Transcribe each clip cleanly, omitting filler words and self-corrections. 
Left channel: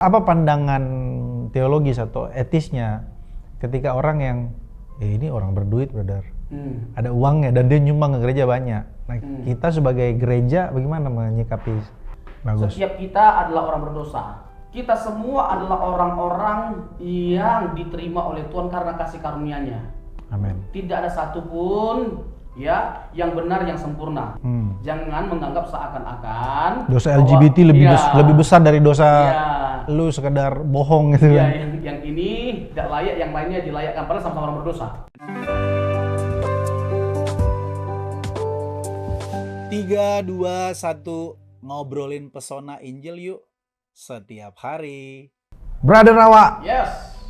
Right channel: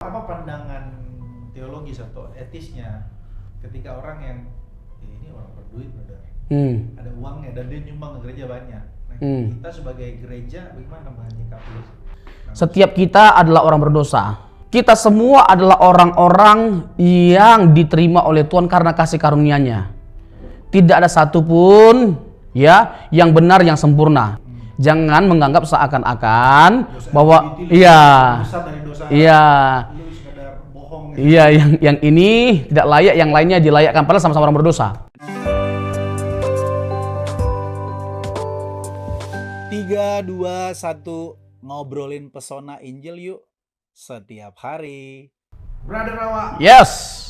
Apa pandangan teologis atau etisnya ketika orang yang ini orang berduit, brother, ada uangnya dan dia nyumbang ke gereja banyak. Nah, kita sebagai gereja bagaimana menyikapi? Bagus. Setiap kita adalah orang berdosa. Kita semua adalah orang-orang yang diterima oleh Tuhan karena kasih karunia-Nya. Amin. Tidak ada satupun yang benar, yang sempurna. Jangan menganggap seakan-akan Dosa bahwa LGBT lebih besar dari dosa lu sekedar bohong gitu. Iya, yang ini tidak layak, yang lainnya dilayakkan, padahal sama-sama orang berdosa. 3, 2, 1, ngobrolin pesona Injil yuk setiap hari. Brother Rawa, Yes.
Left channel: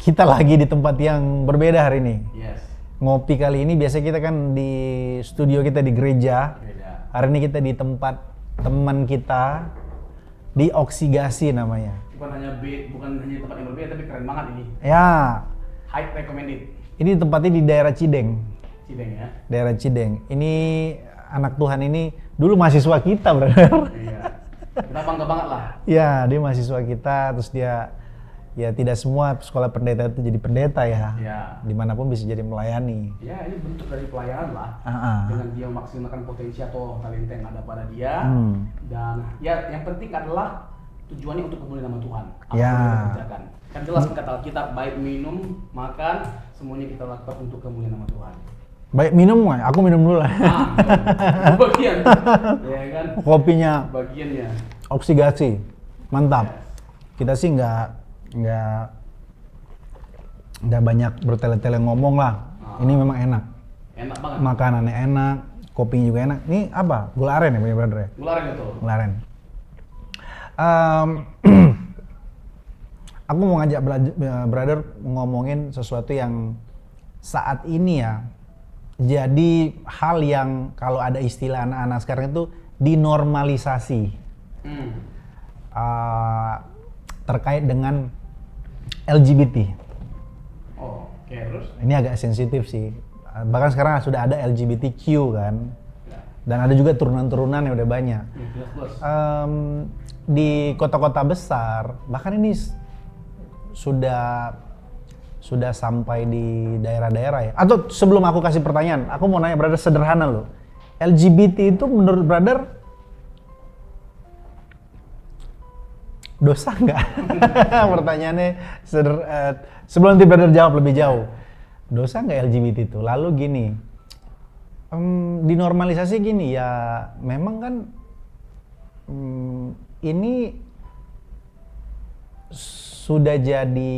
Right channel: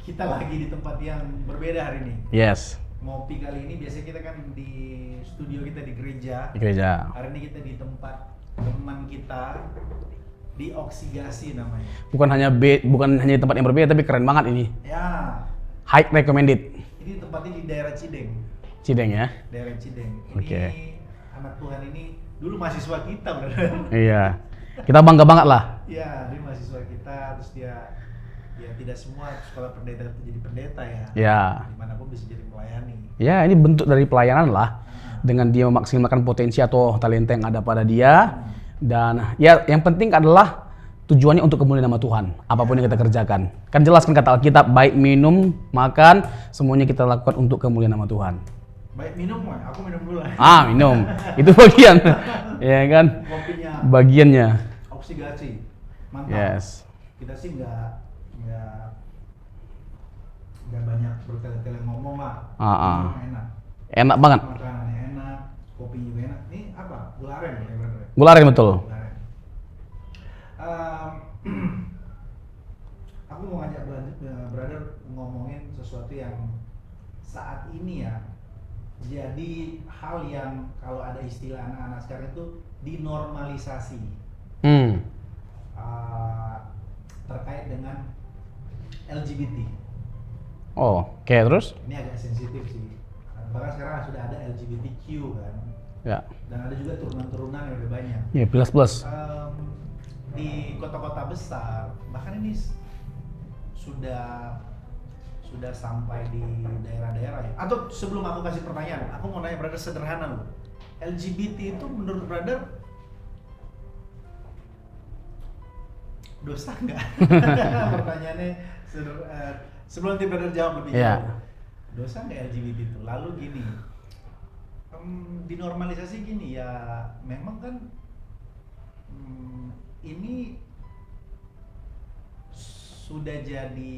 kita lagi di tempat yang berbeda hari ini. Yes. Ngopi kali ini biasa kita kan di studio kita di gereja. Di gereja. Hari ini kita di tempat teman kita di Oksigasi namanya. Bukan hanya di tempat yang berbeda, tapi keren banget ini. Ya, High recommended. ini tempatnya di daerah Cideng. Cideng ya. Daerah Cideng. Ini anak Tuhan ini dulu mahasiswa kita, brother. Iya. Kita bangga banget lah. Ya, dia mahasiswa kita, terus dia ya tidak semua sekolah pendeta itu jadi pendeta ya. Ya. Dimanapun bisa jadi melayani. Ya, ini bentuk dari pelayanan lah. Ah. Dengan dia memaksimalkan potensi atau talenta yang ada pada dia. Dan ya yang penting adalah tujuannya untuk kemuliaan nama Tuhan. Apapun yang kita kerjakan. Kan jelas kan kata Alkitab, baik minum, makan, semuanya kita lakukan untuk kemuliaan nama Tuhan. Baik minum, aku minum dulu lah. Minum. Itu bagian. Ya kan? Kopinya Bagiannya. Oksigasi. Mantap. Yes. Kita sih nggak banyak bertele-tele ngomong lah. Ini memang enak. Enak banget. Makanannya enak, kopinya juga enak. Ini apa? Gula aren ya punya brother ya? Gula aren betul. Gula aren. Aku mau ngajak brother ngomongin sesuatu yang saat ini ya jadi hal yang kalau ada istilah anak-anak sekarang itu dinormalisasi. Terkait dengan LGBT. Oke, terus? Ini agak sensitif sih. Bahkan sekarang sudah ada LGBTQ kan. Ya. Dan ada juga turunan-turunan yang udah banyak. Ya, plus. Di kota-kota besar, bahkan ini sudah sampai di daerah-daerah ya. Atau sebelum aku kasih pertanyaan, aku mau nanya brother sederhana loh. LGBT itu menurut brother dosa nggak? Pertanyaannya sebelum nanti brother jawab lebih jauh. Dosa nggak LGBT itu? Lalu gini, dinormalisasi gini ya, memang kan ini sudah jadi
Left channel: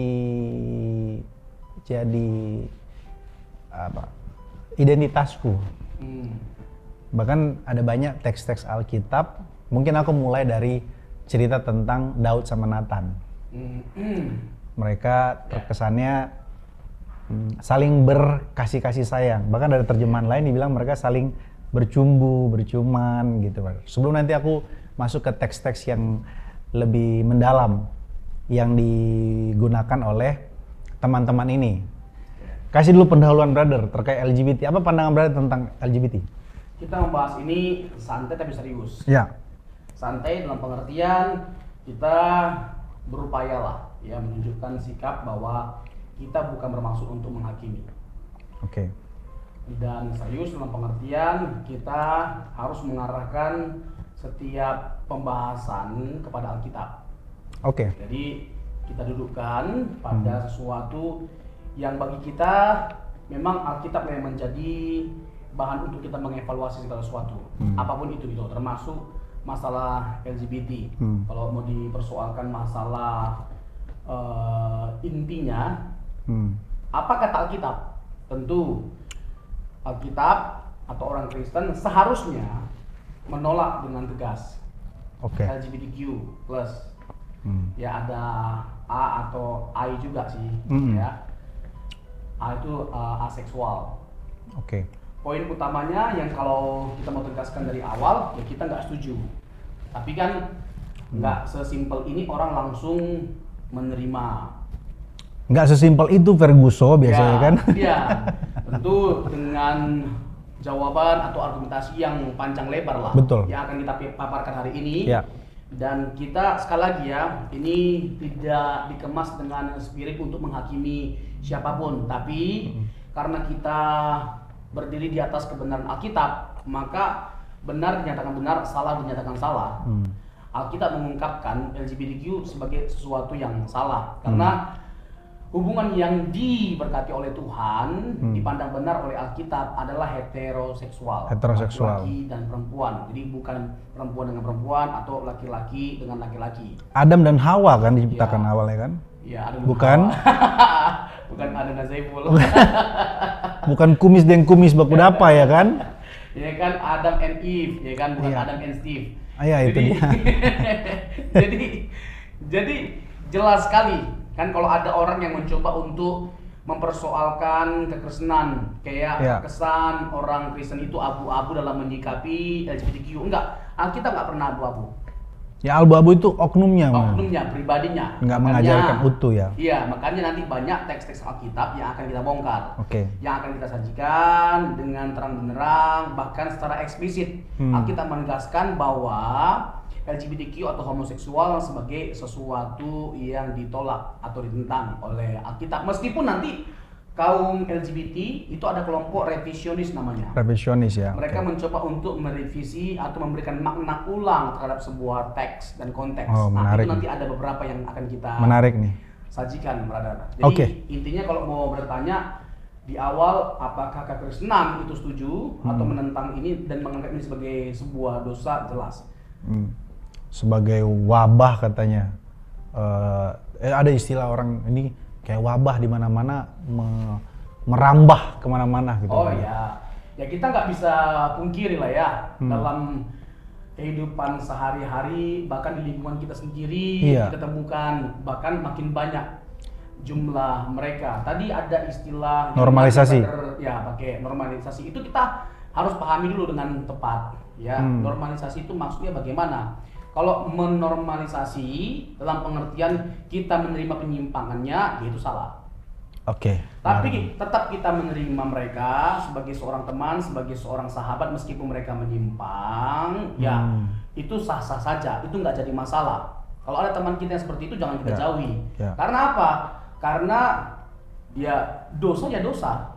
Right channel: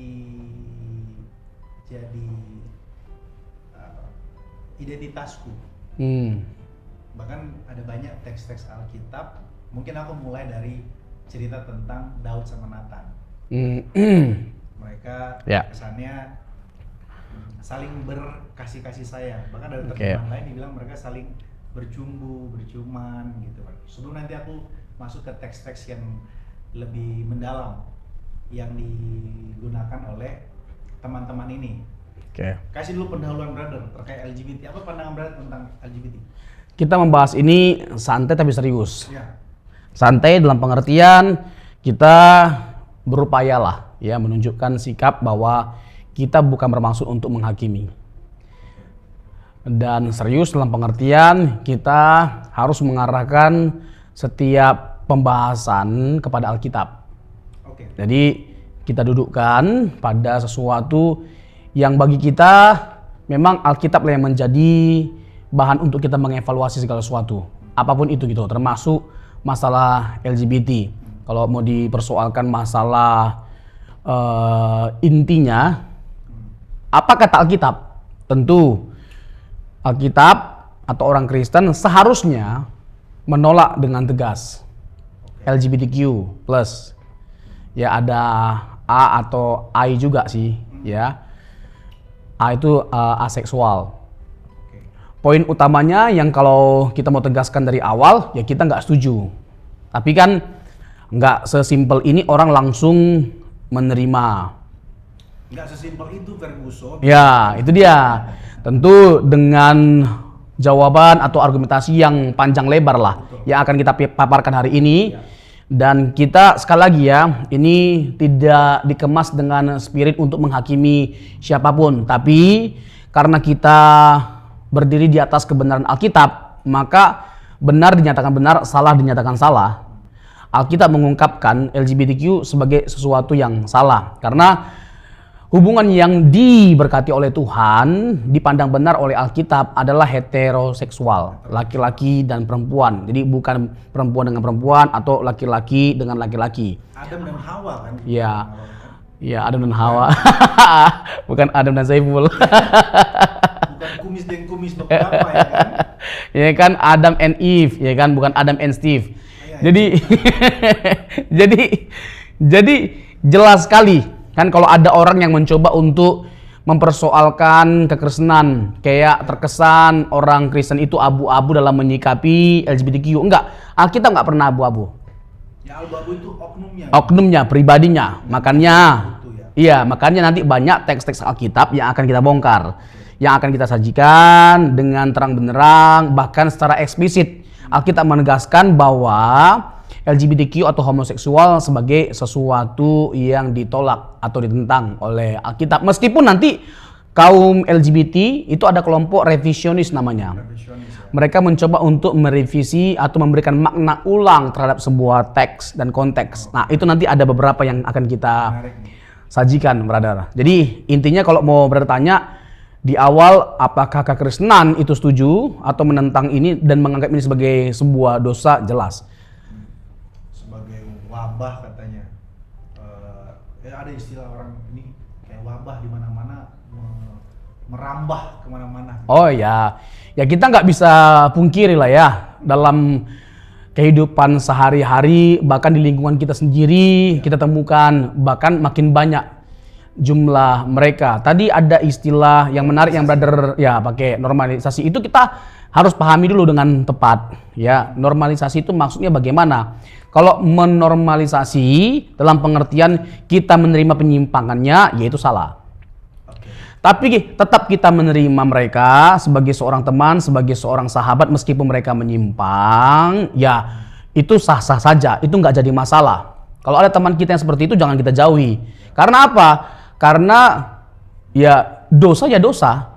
apa? Identitasku. Bahkan ada banyak teks-teks Alkitab. Mungkin aku mulai dari cerita tentang Daud sama Nathan. Mereka kesannya saling berkasih sayang. Bahkan ada terjemahan lain dibilang mereka saling bercuman gitu. Sebelum nanti aku masuk ke teks-teks yang lebih mendalam yang digunakan oleh teman-teman ini. Kasih dulu pendahuluan brother terkait LGBT. Apa pandangan brother tentang LGBT? Kita membahas ini santai tapi serius. Ya. Santai dalam pengertian kita berupayalah ya menunjukkan sikap bahwa kita bukan bermaksud untuk menghakimi. Oke. Dan serius dalam pengertian kita harus mengarahkan setiap pembahasan kepada Alkitab. Oke. Jadi kita dudukkan pada sesuatu yang bagi kita memang Alkitab lah yang menjadi bahan untuk kita mengevaluasi segala sesuatu. Apapun itu gitu, termasuk masalah LGBT. Kalau mau dipersoalkan masalah intinya, apa kata Alkitab? Tentu Alkitab atau orang Kristen seharusnya menolak dengan tegas LGBTQ+. Ya ada A atau I juga sih, ya. A itu aseksual. Poin utamanya yang kalau kita mau tegaskan dari awal, ya kita nggak setuju. Tapi kan nggak sesimpel ini orang langsung menerima. Nggak sesimpel itu Ferguson biasanya Ya, kan? itu dia. Tentu dengan jawaban atau argumentasi yang panjang lebar lah. Betul. Yang akan kita paparkan hari ini. Ya. Dan kita sekali lagi ya, ini tidak dikemas dengan spirit untuk menghakimi siapapun, tapi karena kita berdiri di atas kebenaran Alkitab, maka benar dinyatakan benar, salah dinyatakan salah. Alkitab mengungkapkan LGBTQ sebagai sesuatu yang salah karena hubungan yang diberkati oleh Tuhan dipandang benar oleh Alkitab adalah heteroseksual, laki-laki dan perempuan. Jadi bukan perempuan dengan perempuan atau laki-laki dengan laki-laki. Adam dan Hawa kan diciptakan awalnya kan? Iya, Adam dan Hawa. Bukan Adam dan Saiful. Bukan kumis dan kumis berapa ya kan? Ya kan Adam and Eve, ya kan bukan Adam and Steve. Jadi jadi jelas sekali. Kan kalau ada orang yang mencoba untuk mempersoalkan kekristenan, kayak terkesan orang Kristen itu abu-abu dalam menyikapi LGBTQ. Enggak, Alkitab nggak pernah abu-abu. Ya abu-abu itu oknumnya. Oknumnya, pribadinya. Nggak makanya, utuh ya. Iya, makanya nanti banyak teks-teks Alkitab yang akan kita bongkar, yang akan kita sajikan dengan terang benderang, bahkan secara eksplisit. Alkitab menegaskan bahwa LGBTQ atau homoseksual sebagai sesuatu yang ditolak atau ditentang oleh Alkitab. Meskipun nanti kaum LGBT itu ada kelompok revisionis namanya. Revisionis ya. Mereka mencoba untuk merevisi atau memberikan makna ulang terhadap sebuah teks dan konteks. Nah, itu nanti ada beberapa yang akan kita sajikan, brother. Jadi intinya kalau mau bertanya di awal, apakah kekristenan itu setuju atau menentang ini dan menganggap ini sebagai sebuah dosa? Jelas. Sebagai wabah katanya. Ada istilah orang ini kayak wabah di mana-mana merambah kemana-mana. Gitu. Oh ya, ya kita nggak bisa pungkiri lah ya dalam kehidupan sehari-hari, bahkan di lingkungan kita sendiri kita temukan bahkan makin banyak jumlah mereka. Tadi ada istilah yang menarik yang brother ya pakai normalisasi. Itu kita harus pahami dulu dengan tepat ya. Normalisasi itu maksudnya bagaimana? Kalau menormalisasi dalam pengertian kita menerima penyimpangannya, yaitu salah. Tapi tetap kita menerima mereka sebagai seorang teman, sebagai seorang sahabat, meskipun mereka menyimpang, ya itu sah-sah saja, itu nggak jadi masalah. Kalau ada teman kita yang seperti itu, jangan kita jauhi. Karena apa? Karena ya dosa ya dosa.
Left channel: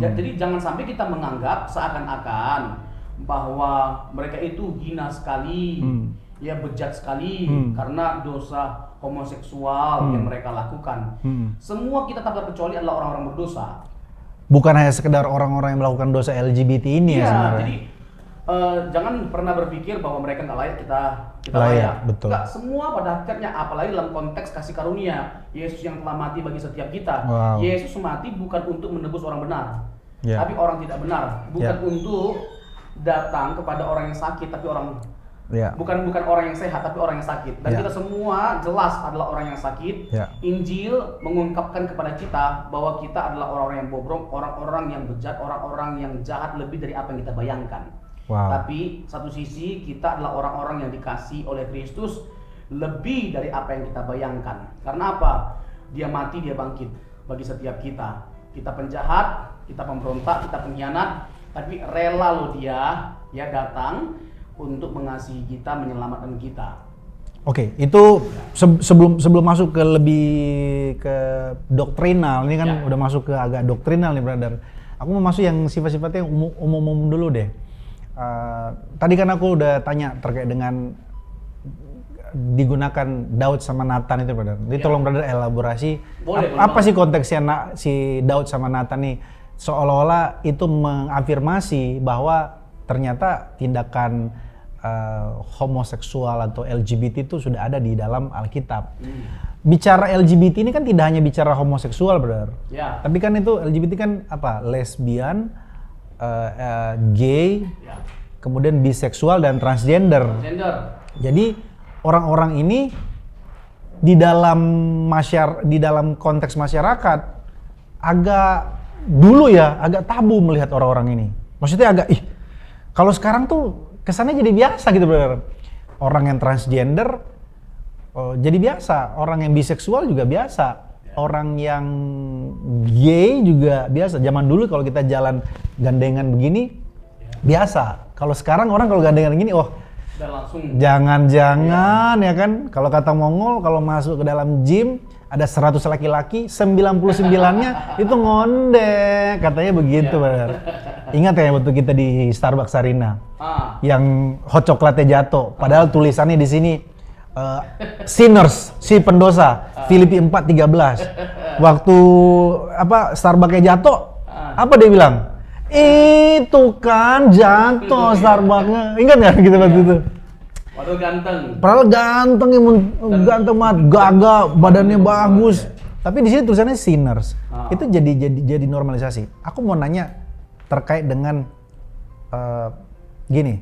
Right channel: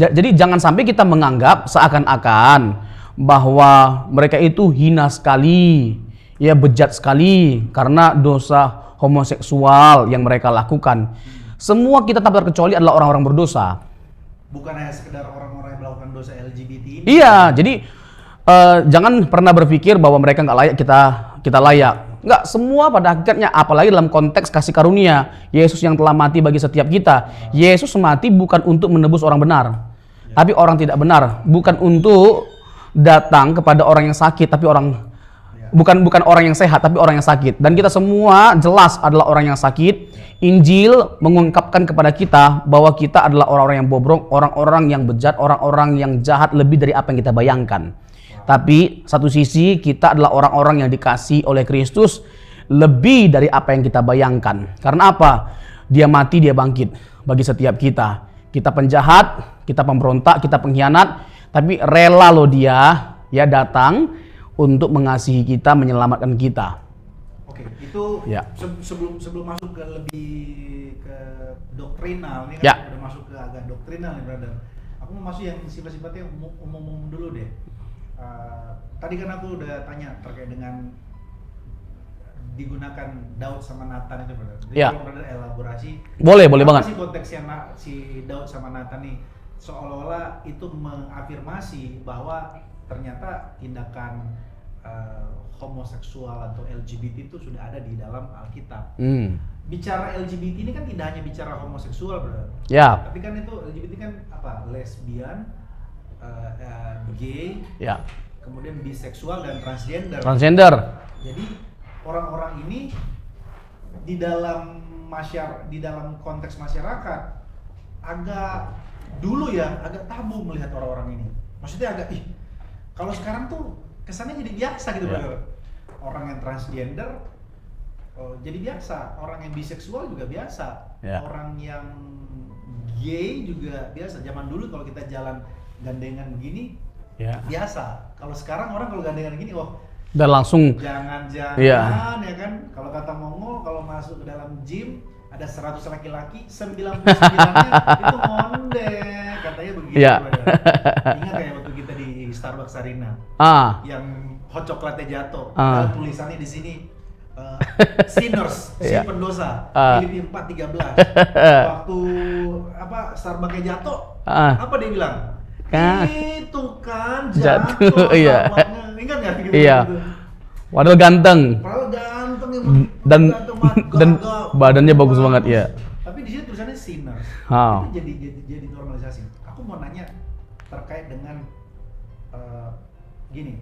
Jadi jangan sampai kita menganggap seakan-akan bahwa mereka itu hina sekali, ya bejat sekali karena dosa homoseksual yang mereka lakukan. Semua kita tanpa terkecuali adalah orang-orang berdosa. Bukan hanya sekedar orang-orang yang melakukan dosa LGBT ini. Iya, jadi jangan pernah berpikir bahwa mereka nggak layak kita layak. Nggak, semua pada hakikatnya, apalagi dalam konteks kasih karunia Yesus yang telah mati bagi setiap kita. Yesus mati bukan untuk menebus orang benar, tapi orang tidak benar. Bukan untuk datang kepada orang yang sakit, tapi bukan orang yang sehat, tapi orang yang sakit. Dan kita semua jelas adalah orang yang sakit. Injil mengungkapkan kepada kita bahwa kita adalah orang-orang yang bobrok, orang-orang yang bejat, orang-orang yang jahat lebih dari apa yang kita bayangkan. Tapi satu sisi kita adalah orang-orang yang dikasih oleh Kristus lebih dari apa yang kita bayangkan. Karena apa? Dia mati, dia bangkit bagi setiap kita. Kita penjahat, kita pemberontak, kita pengkhianat, tapi rela loh dia datang untuk mengasihi kita, menyelamatkan kita. Itu sebelum masuk ke lebih ke doktrinal, ini kan udah masuk ke agak doktrinal nih brother. Aku mau masuk yang sifat-sifatnya umum-umum dulu deh. Tadi kan aku udah tanya terkait dengan digunakan Daud sama Nathan itu brother. Jadi tolong brother elaborasi. Boleh banget. Apa sih konteksnya si Daud sama Nathan nih? Seolah-olah itu mengafirmasi bahwa ternyata tindakan homoseksual atau LGBT itu sudah ada di dalam Alkitab. Bicara LGBT ini kan tidak hanya bicara homoseksual, brother. Tapi kan itu LGBT kan apa? Lesbian, gay, kemudian biseksual dan transgender. Jadi orang-orang ini di dalam konteks masyarakat agak dulu agak tabu melihat orang-orang ini. Maksudnya agak kalau sekarang tuh kesannya jadi biasa gitu brother. Orang yang transgender jadi biasa, orang yang biseksual juga biasa. Orang yang gay juga biasa. Zaman dulu kalau kita jalan gandengan begini biasa. Kalau sekarang orang kalau gandengan begini Dan langsung jangan-jangan ya kan, kalau kata Mongol kalau masuk ke dalam gym ada 100 laki-laki, 99-nya itu ngondek, katanya begitu. Iya. Brother. Ingat ya waktu kita di Starbucks Arena, yang hot coklatnya jatuh, padahal tulisannya di sini sinners, si pendosa, Filipi 4:13. Waktu Starbucksnya jatuh, apa dia bilang? Itu kan jatuh Starbucksnya. Ingat nggak gitu gitu? Padahal ganteng. Padahal ganteng ganteng banget, gagah, badannya bagus banget ya. Tapi di sini tulisannya sinners. Itu jadi normalisasi. Aku mau nanya terkait dengan gini.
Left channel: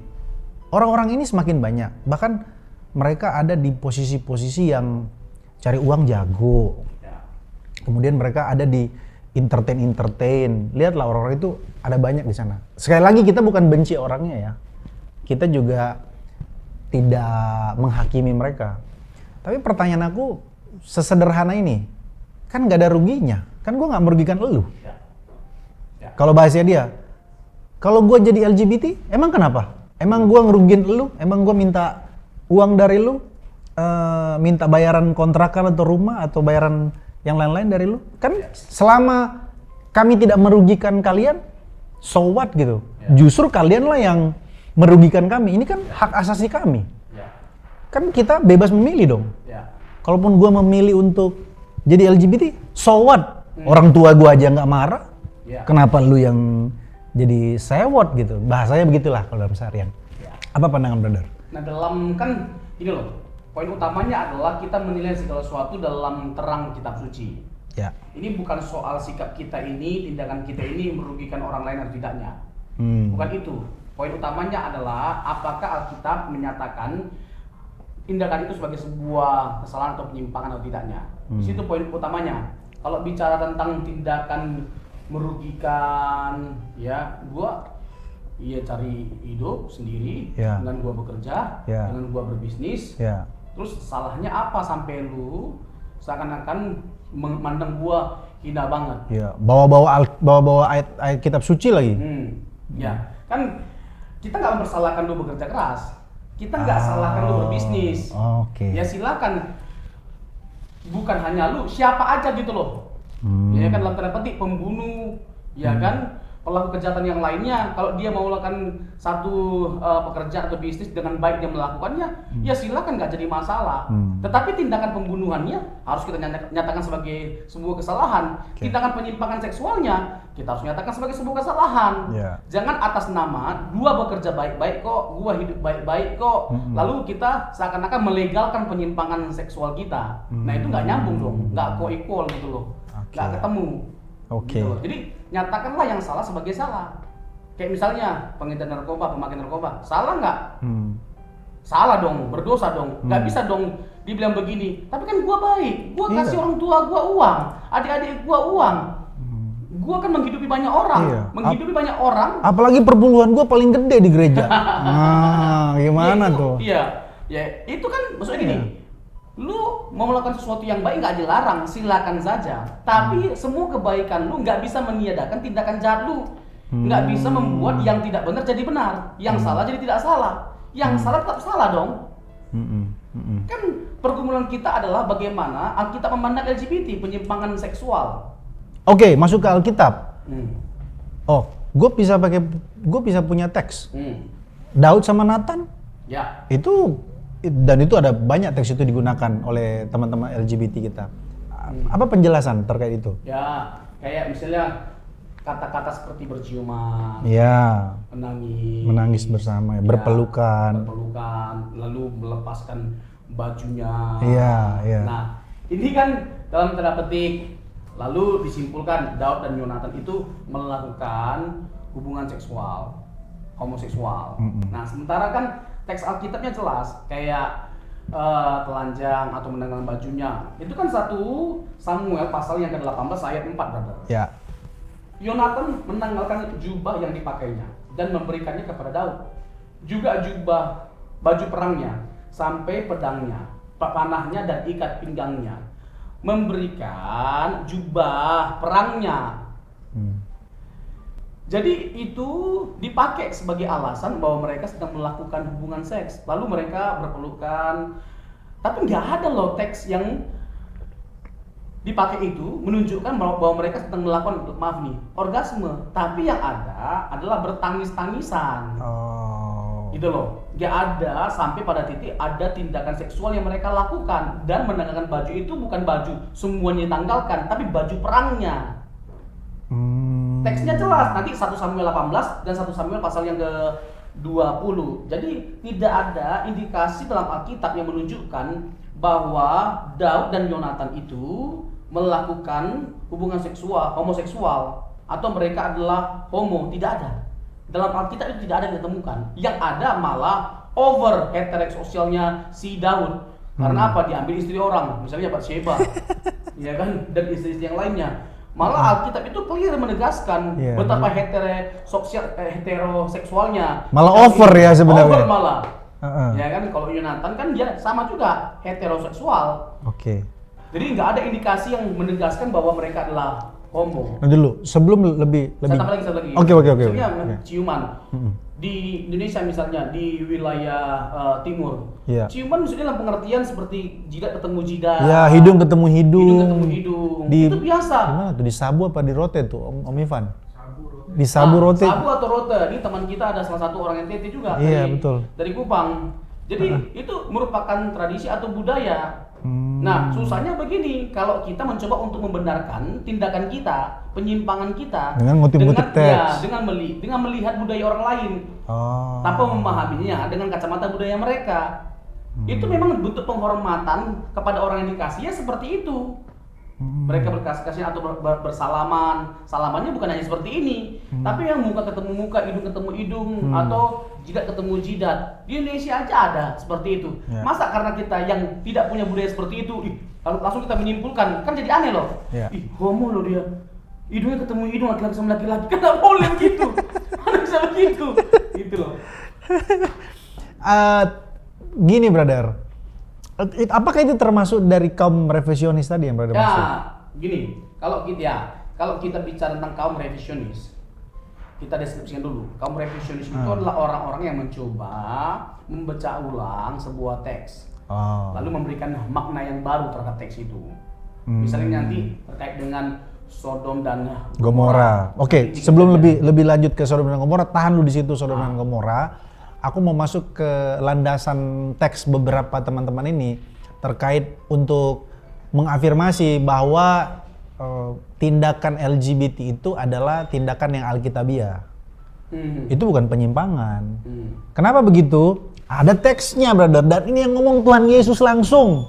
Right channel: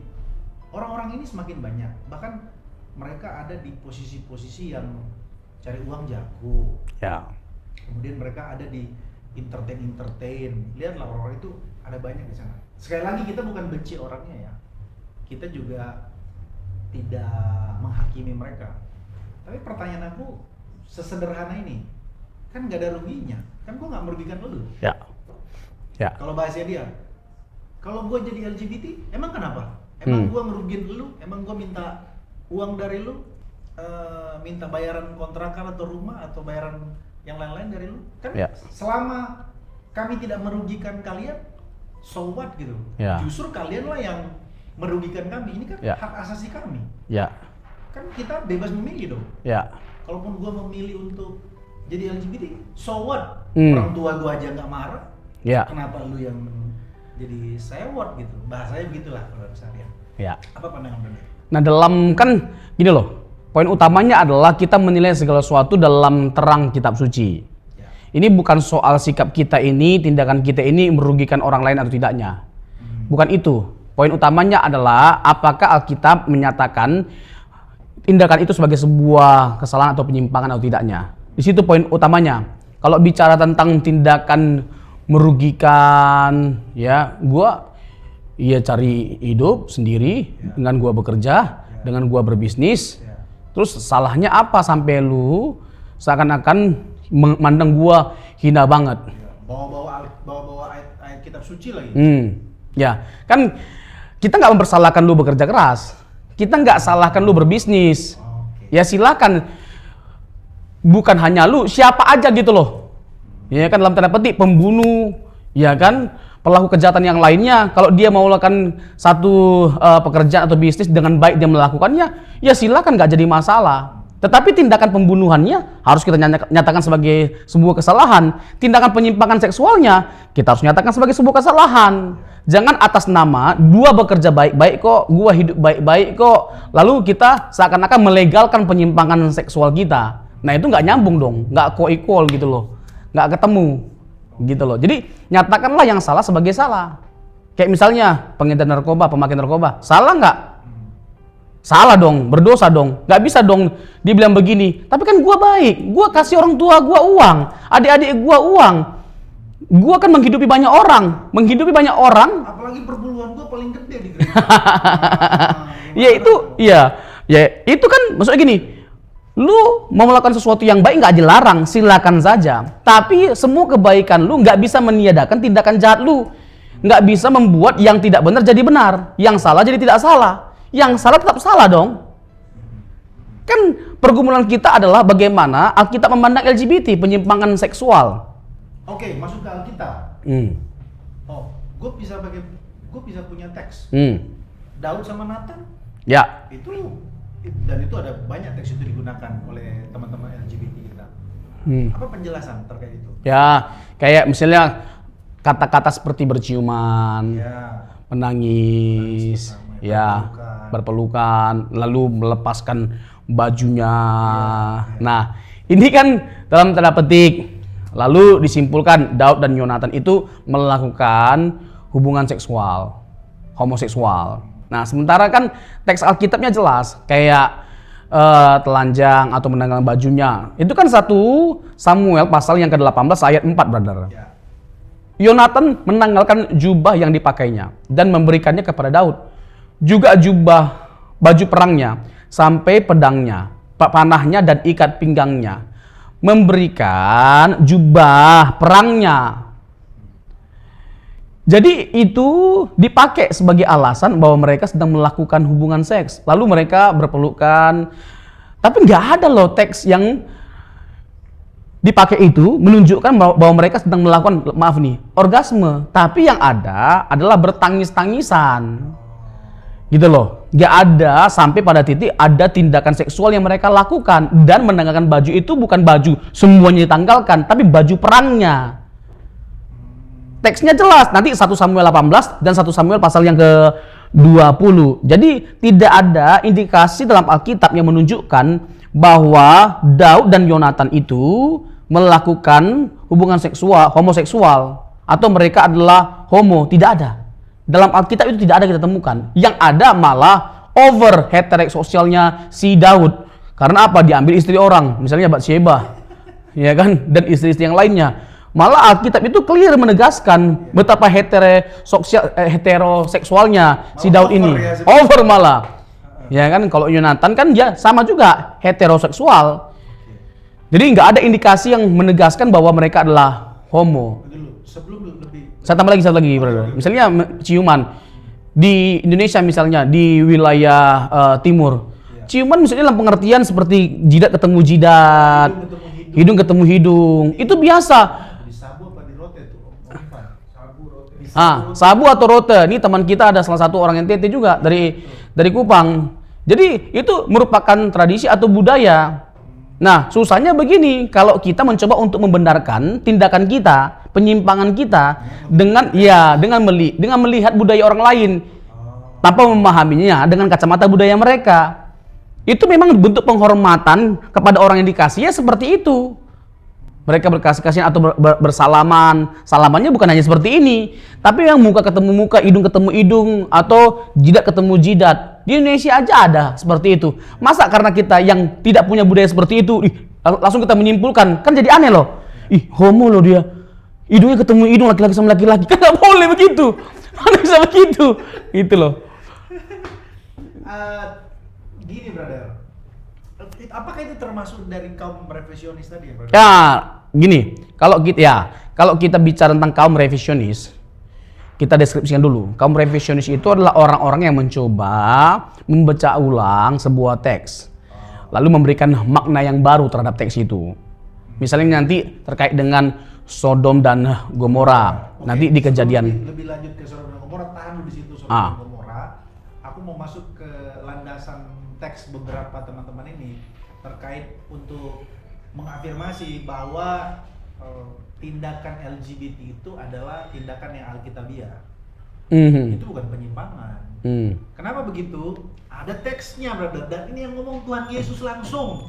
Orang-orang ini semakin banyak, bahkan mereka ada di posisi-posisi yang cari uang jago. Ya. Kemudian mereka ada di entertain. Lihatlah orang-orang itu ada banyak di sana. Sekali lagi kita bukan benci orangnya ya. Kita juga tidak menghakimi mereka. Tapi pertanyaan aku sesederhana ini, kan nggak ada ruginya. Kan gue nggak merugikan elu. Ya. Kalau bahasanya dia, kalau gue jadi LGBT, emang kenapa? Emang gue ngerugiin elu? Emang gue minta uang dari lu? Minta bayaran kontrakan atau rumah atau bayaran yang lain-lain dari lu? Kan selama kami tidak merugikan kalian, so what gitu. Justru kalianlah yang merugikan kami. Ini kan hak asasi kami. Kan kita bebas memilih dong. Kalaupun gue memilih untuk jadi LGBT, so what? Orang tua gue aja nggak marah. Kenapa lu yang jadi sewot gitu? Bahasanya begitulah kalau dalam seharian. Apa pandangan brother? Nah dalam kan gini loh, poin utamanya adalah kita menilai segala sesuatu dalam terang kitab suci. Ini bukan soal sikap kita ini, tindakan kita ini merugikan orang lain atau tidaknya. Bukan itu. Poin utamanya adalah apakah Alkitab menyatakan tindakan itu sebagai sebuah kesalahan atau penyimpangan atau tidaknya. Di situ poin utamanya. Kalau bicara tentang tindakan merugikan, ya gua cari hidup sendiri dengan gua bekerja, dengan gua berbisnis. Terus salahnya apa sampai lu seakan-akan memandang gua hina banget? Bawa-bawa ayat kitab suci lagi. Kan kita nggak mempersalahkan lu bekerja keras, kita nggak salahkan lu berbisnis. Ya silakan, bukan hanya lu, siapa aja gitu loh. Ya kan dalam tanda petik pembunuh, ya kan pelaku kejahatan yang lainnya, kalau dia mau melakukan satu pekerjaan atau bisnis dengan baik dia melakukannya, ya silakan, nggak jadi masalah. Tetapi tindakan pembunuhannya harus kita nyatakan sebagai sebuah kesalahan. Tindakan penyimpangan seksualnya kita harus nyatakan sebagai sebuah kesalahan. Jangan atas nama gua bekerja baik-baik kok, gua hidup baik-baik kok, lalu kita seakan-akan melegalkan penyimpangan seksual kita. Nah itu nggak nyambung dong, nggak co-equal gitu loh, nggak ketemu. Gitu loh. Jadi nyatakanlah yang salah sebagai salah. Kayak misalnya pengedar narkoba, pemakai narkoba, salah nggak? Salah dong, berdosa dong. Nggak bisa dong dibilang begini. Tapi kan gua baik, gua kasih orang tua gua uang, adik-adik gua uang. Gua kan menghidupi banyak orang, menghidupi banyak orang. Apalagi perpuluhan gua paling gede di gereja. Gimana ya itu, tuh? ya itu kan maksudnya gini. Lu mau melakukan sesuatu yang baik nggak dilarang, silakan saja. Tapi semua kebaikan lu nggak bisa meniadakan tindakan jahat lu. Nggak bisa membuat yang tidak benar jadi benar, yang salah jadi tidak salah, yang salah tetap salah dong. Kan pergumulan kita adalah bagaimana Alkitab memandang LGBT, penyimpangan seksual. Oke, masuk ke Alkitab. Gue bisa punya teks. Daud sama Nathan. Itu ada banyak teks itu digunakan oleh teman-teman LGBT kita. Apa penjelasan terkait itu? Ya, kayak misalnya kata-kata seperti berciuman, menangis bersama, berpelukan, lalu melepaskan bajunya. Nah, ini kan dalam tanda petik. Lalu disimpulkan Daud dan Yonatan itu melakukan hubungan seksual, homoseksual. Nah, sementara kan teks Alkitabnya jelas, kayak telanjang atau menanggalkan bajunya. Itu kan 1 Samuel pasal yang ke-18 ayat 4, brother. Yonatan menanggalkan jubah yang dipakainya dan memberikannya kepada Daud. Juga jubah baju perangnya sampai pedangnya, panahnya dan ikat pinggangnya. Memberikan jubah perangnya. Jadi itu dipakai sebagai alasan bahwa mereka sedang melakukan hubungan seks. Lalu mereka berpelukan. Tapi nggak ada loh teks yang dipakai itu menunjukkan bahwa mereka sedang melakukan, maaf nih, orgasme. Tapi yang ada adalah bertangis-tangisan. Gitu loh. Nggak ada sampai pada titik ada tindakan seksual yang mereka lakukan. Dan menanggalkan baju itu bukan baju semuanya ditanggalkan, tapi baju perangnya. Teksnya jelas, nanti 1 Samuel 18 dan 1 Samuel pasal yang ke-20. Jadi tidak ada indikasi dalam Alkitab yang menunjukkan bahwa Daud dan Yonatan itu melakukan hubungan seksual, homoseksual, atau mereka adalah homo. Tidak ada. Dalam Alkitab itu tidak ada kita temukan. Yang ada malah over heteroseksualnya si Daud. Karena apa? Diambil istri orang, misalnya Batsyeba, ya kan, dan istri-istri yang lainnya. Malah Alkitab itu clear menegaskan betapa heteroseksualnya malah si Daud over ini. ya sebenarnya. Over malah. Ya kan, kalau Yonatan kan dia sama juga heteroseksual. Oke. Jadi nggak ada indikasi yang menegaskan bahwa mereka adalah homo. Nah, dulu sebelum lebih. Saya tambah lagi satu lagi. Oke. Misalnya ciuman di Indonesia, misalnya di wilayah timur. Ciuman misalnya dalam pengertian seperti jidat ketemu jidat, Ya, hidung ketemu hidung. hidung ketemu hidung. Itu biasa. Itu di sabu apa di rote tuh, Om Ivan? Di sabu rote. Sabu atau rote. Ini teman kita ada salah satu orang NTT juga betul. dari Kupang. Jadi itu merupakan tradisi atau budaya. Nah, susahnya begini, kalau kita mencoba untuk membenarkan tindakan kita, penyimpangan kita dengan melihat budaya orang lain tanpa memahaminya dengan kacamata budaya mereka. Itu memang bentuk penghormatan kepada orang yang dikasih, ya seperti itu. Mereka berkasih-kasihan atau bersalaman. Salamannya bukan hanya seperti ini, tapi yang muka ketemu muka, hidung ketemu hidung, atau jidat ketemu jidat. Di Indonesia aja ada seperti itu. Masa karena kita yang tidak punya budaya seperti itu, langsung kita menyimpulkan, kan jadi aneh loh. Ih, homo loh dia. Hidungnya ketemu hidung laki-laki sama laki-laki. Kan nggak boleh begitu. Kan bisa begitu. Itu loh. Gini, brother. Apakah itu termasuk dari kaum revisionis tadi yang brother? Ya, gini. Kalau kita bicara tentang kaum revisionis, kita deskripsikan dulu. Kaum revisionis itu adalah orang-orang yang mencoba membaca ulang sebuah teks. Lalu memberikan makna yang baru terhadap teks itu. Misalnya nanti terkait dengan Sodom dan Gomora. Oke, nanti di sebelum kejadian. lebih lanjut ke Sodom dan Gomora, tahan dulu di situ Sodom dan Gomora. Aku mau masuk ke landasan teks beberapa teman-teman ini terkait untuk mengafirmasi bahwa tindakan LGBT itu adalah tindakan yang alkitabiah. Itu bukan penyimpangan. Kenapa begitu? Ada teksnya, brother, dan ini yang ngomong Tuhan Yesus langsung.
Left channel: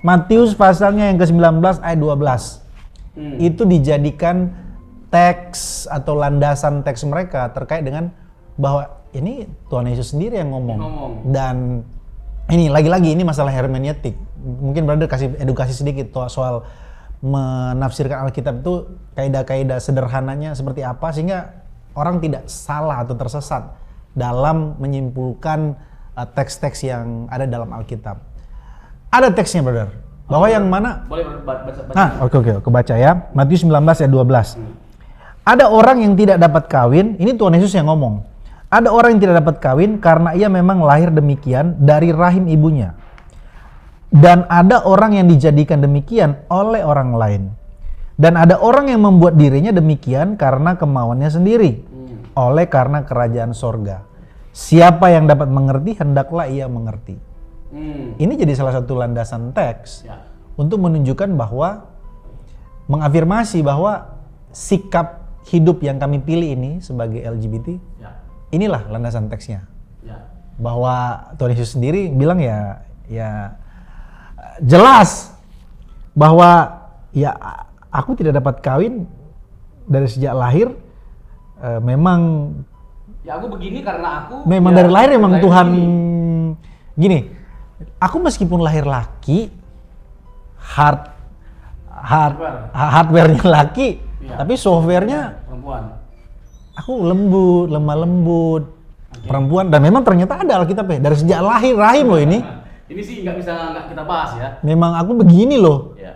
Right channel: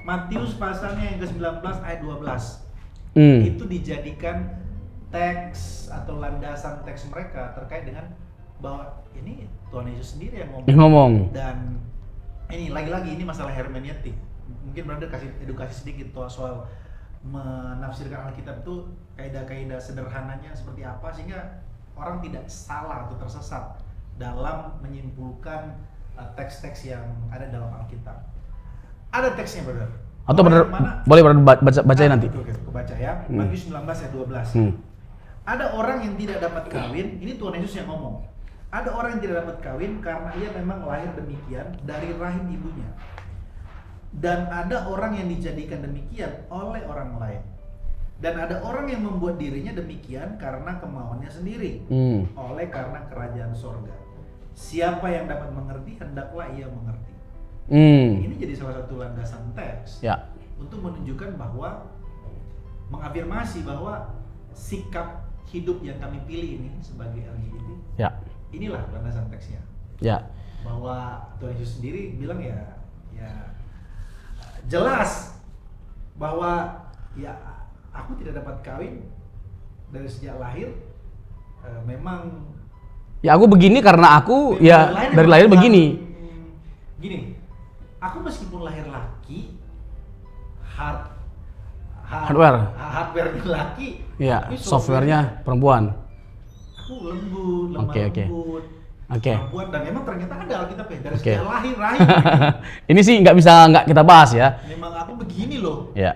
Matius pasalnya yang ke-19 ayat 12. Itu dijadikan teks atau landasan teks mereka terkait dengan bahwa ini Tuhan Yesus sendiri yang ngomong. Dan ini lagi-lagi ini masalah hermeneutik. Mungkin brother kasih edukasi sedikit soal menafsirkan Alkitab itu kaidah-kaidah sederhananya seperti apa sehingga orang tidak salah atau tersesat dalam menyimpulkan teks-teks yang ada dalam Alkitab. Ada teksnya, brother. Atau yang mana? Boleh baca nanti. Oke, kebaca ya. Matius 19 ayat 12. Ada orang yang tidak dapat kawin, ini Tuhan Yesus yang ngomong. Ada orang yang tidak dapat kawin karena ia memang lahir demikian dari rahim ibunya. Dan ada orang yang dijadikan demikian oleh orang lain. Dan ada orang yang membuat dirinya demikian karena kemauannya sendiri. Oleh karena kerajaan sorga. Siapa yang dapat mengerti, hendaklah ia mengerti. Ini jadi salah satu landasan teks untuk menunjukkan bahwa, mengafirmasi bahwa sikap hidup yang kami pilih ini sebagai LGBT, inilah landasan teksnya. Bahwa Tuhan Yesus sendiri bilang ya jelas bahwa ya aku tidak dapat kawin dari sejak lahir, memang ya aku begini karena aku memang dari lahir Tuhan begini. Gini, aku meskipun lahir laki, hardware-nya laki, tapi software-nya perempuan. Aku lembut, lemah lembut, perempuan, dan memang ternyata ada Alkitabnya dari sejak lahir rahim loh ini. Ini sih nggak kita bahas ya. Memang aku begini loh. Ya.